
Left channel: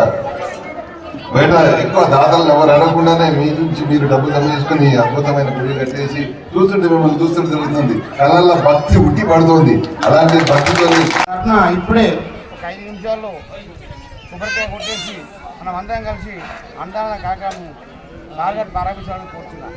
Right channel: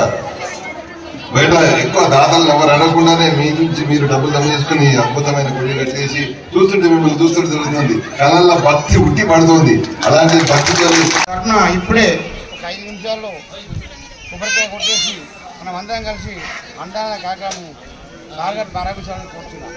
బయట ఎక్కువ దాతలు ఎవరు అడగకుండానే మీ నుంచి మీరు డబ్బులు జమ చేసుకుని అద్భుతమైన గుడి కట్టేసి చూస్తుంటే మిమ్మల్ని చూస్తుంటే జరుగుతుంది. కళ్ళల్లో భక్తి ఉట్టి పడుతుంది. అలాంటి భక్తితో ఇప్పుడే ఒక 5 నిమిషాల్లో కొబ్బరికాయ కొట్టేసి మనం అందరం కలిసి అందాల కార్యక్రమం సాగర్ ప్రారంభించాలని కోరుతున్నాం.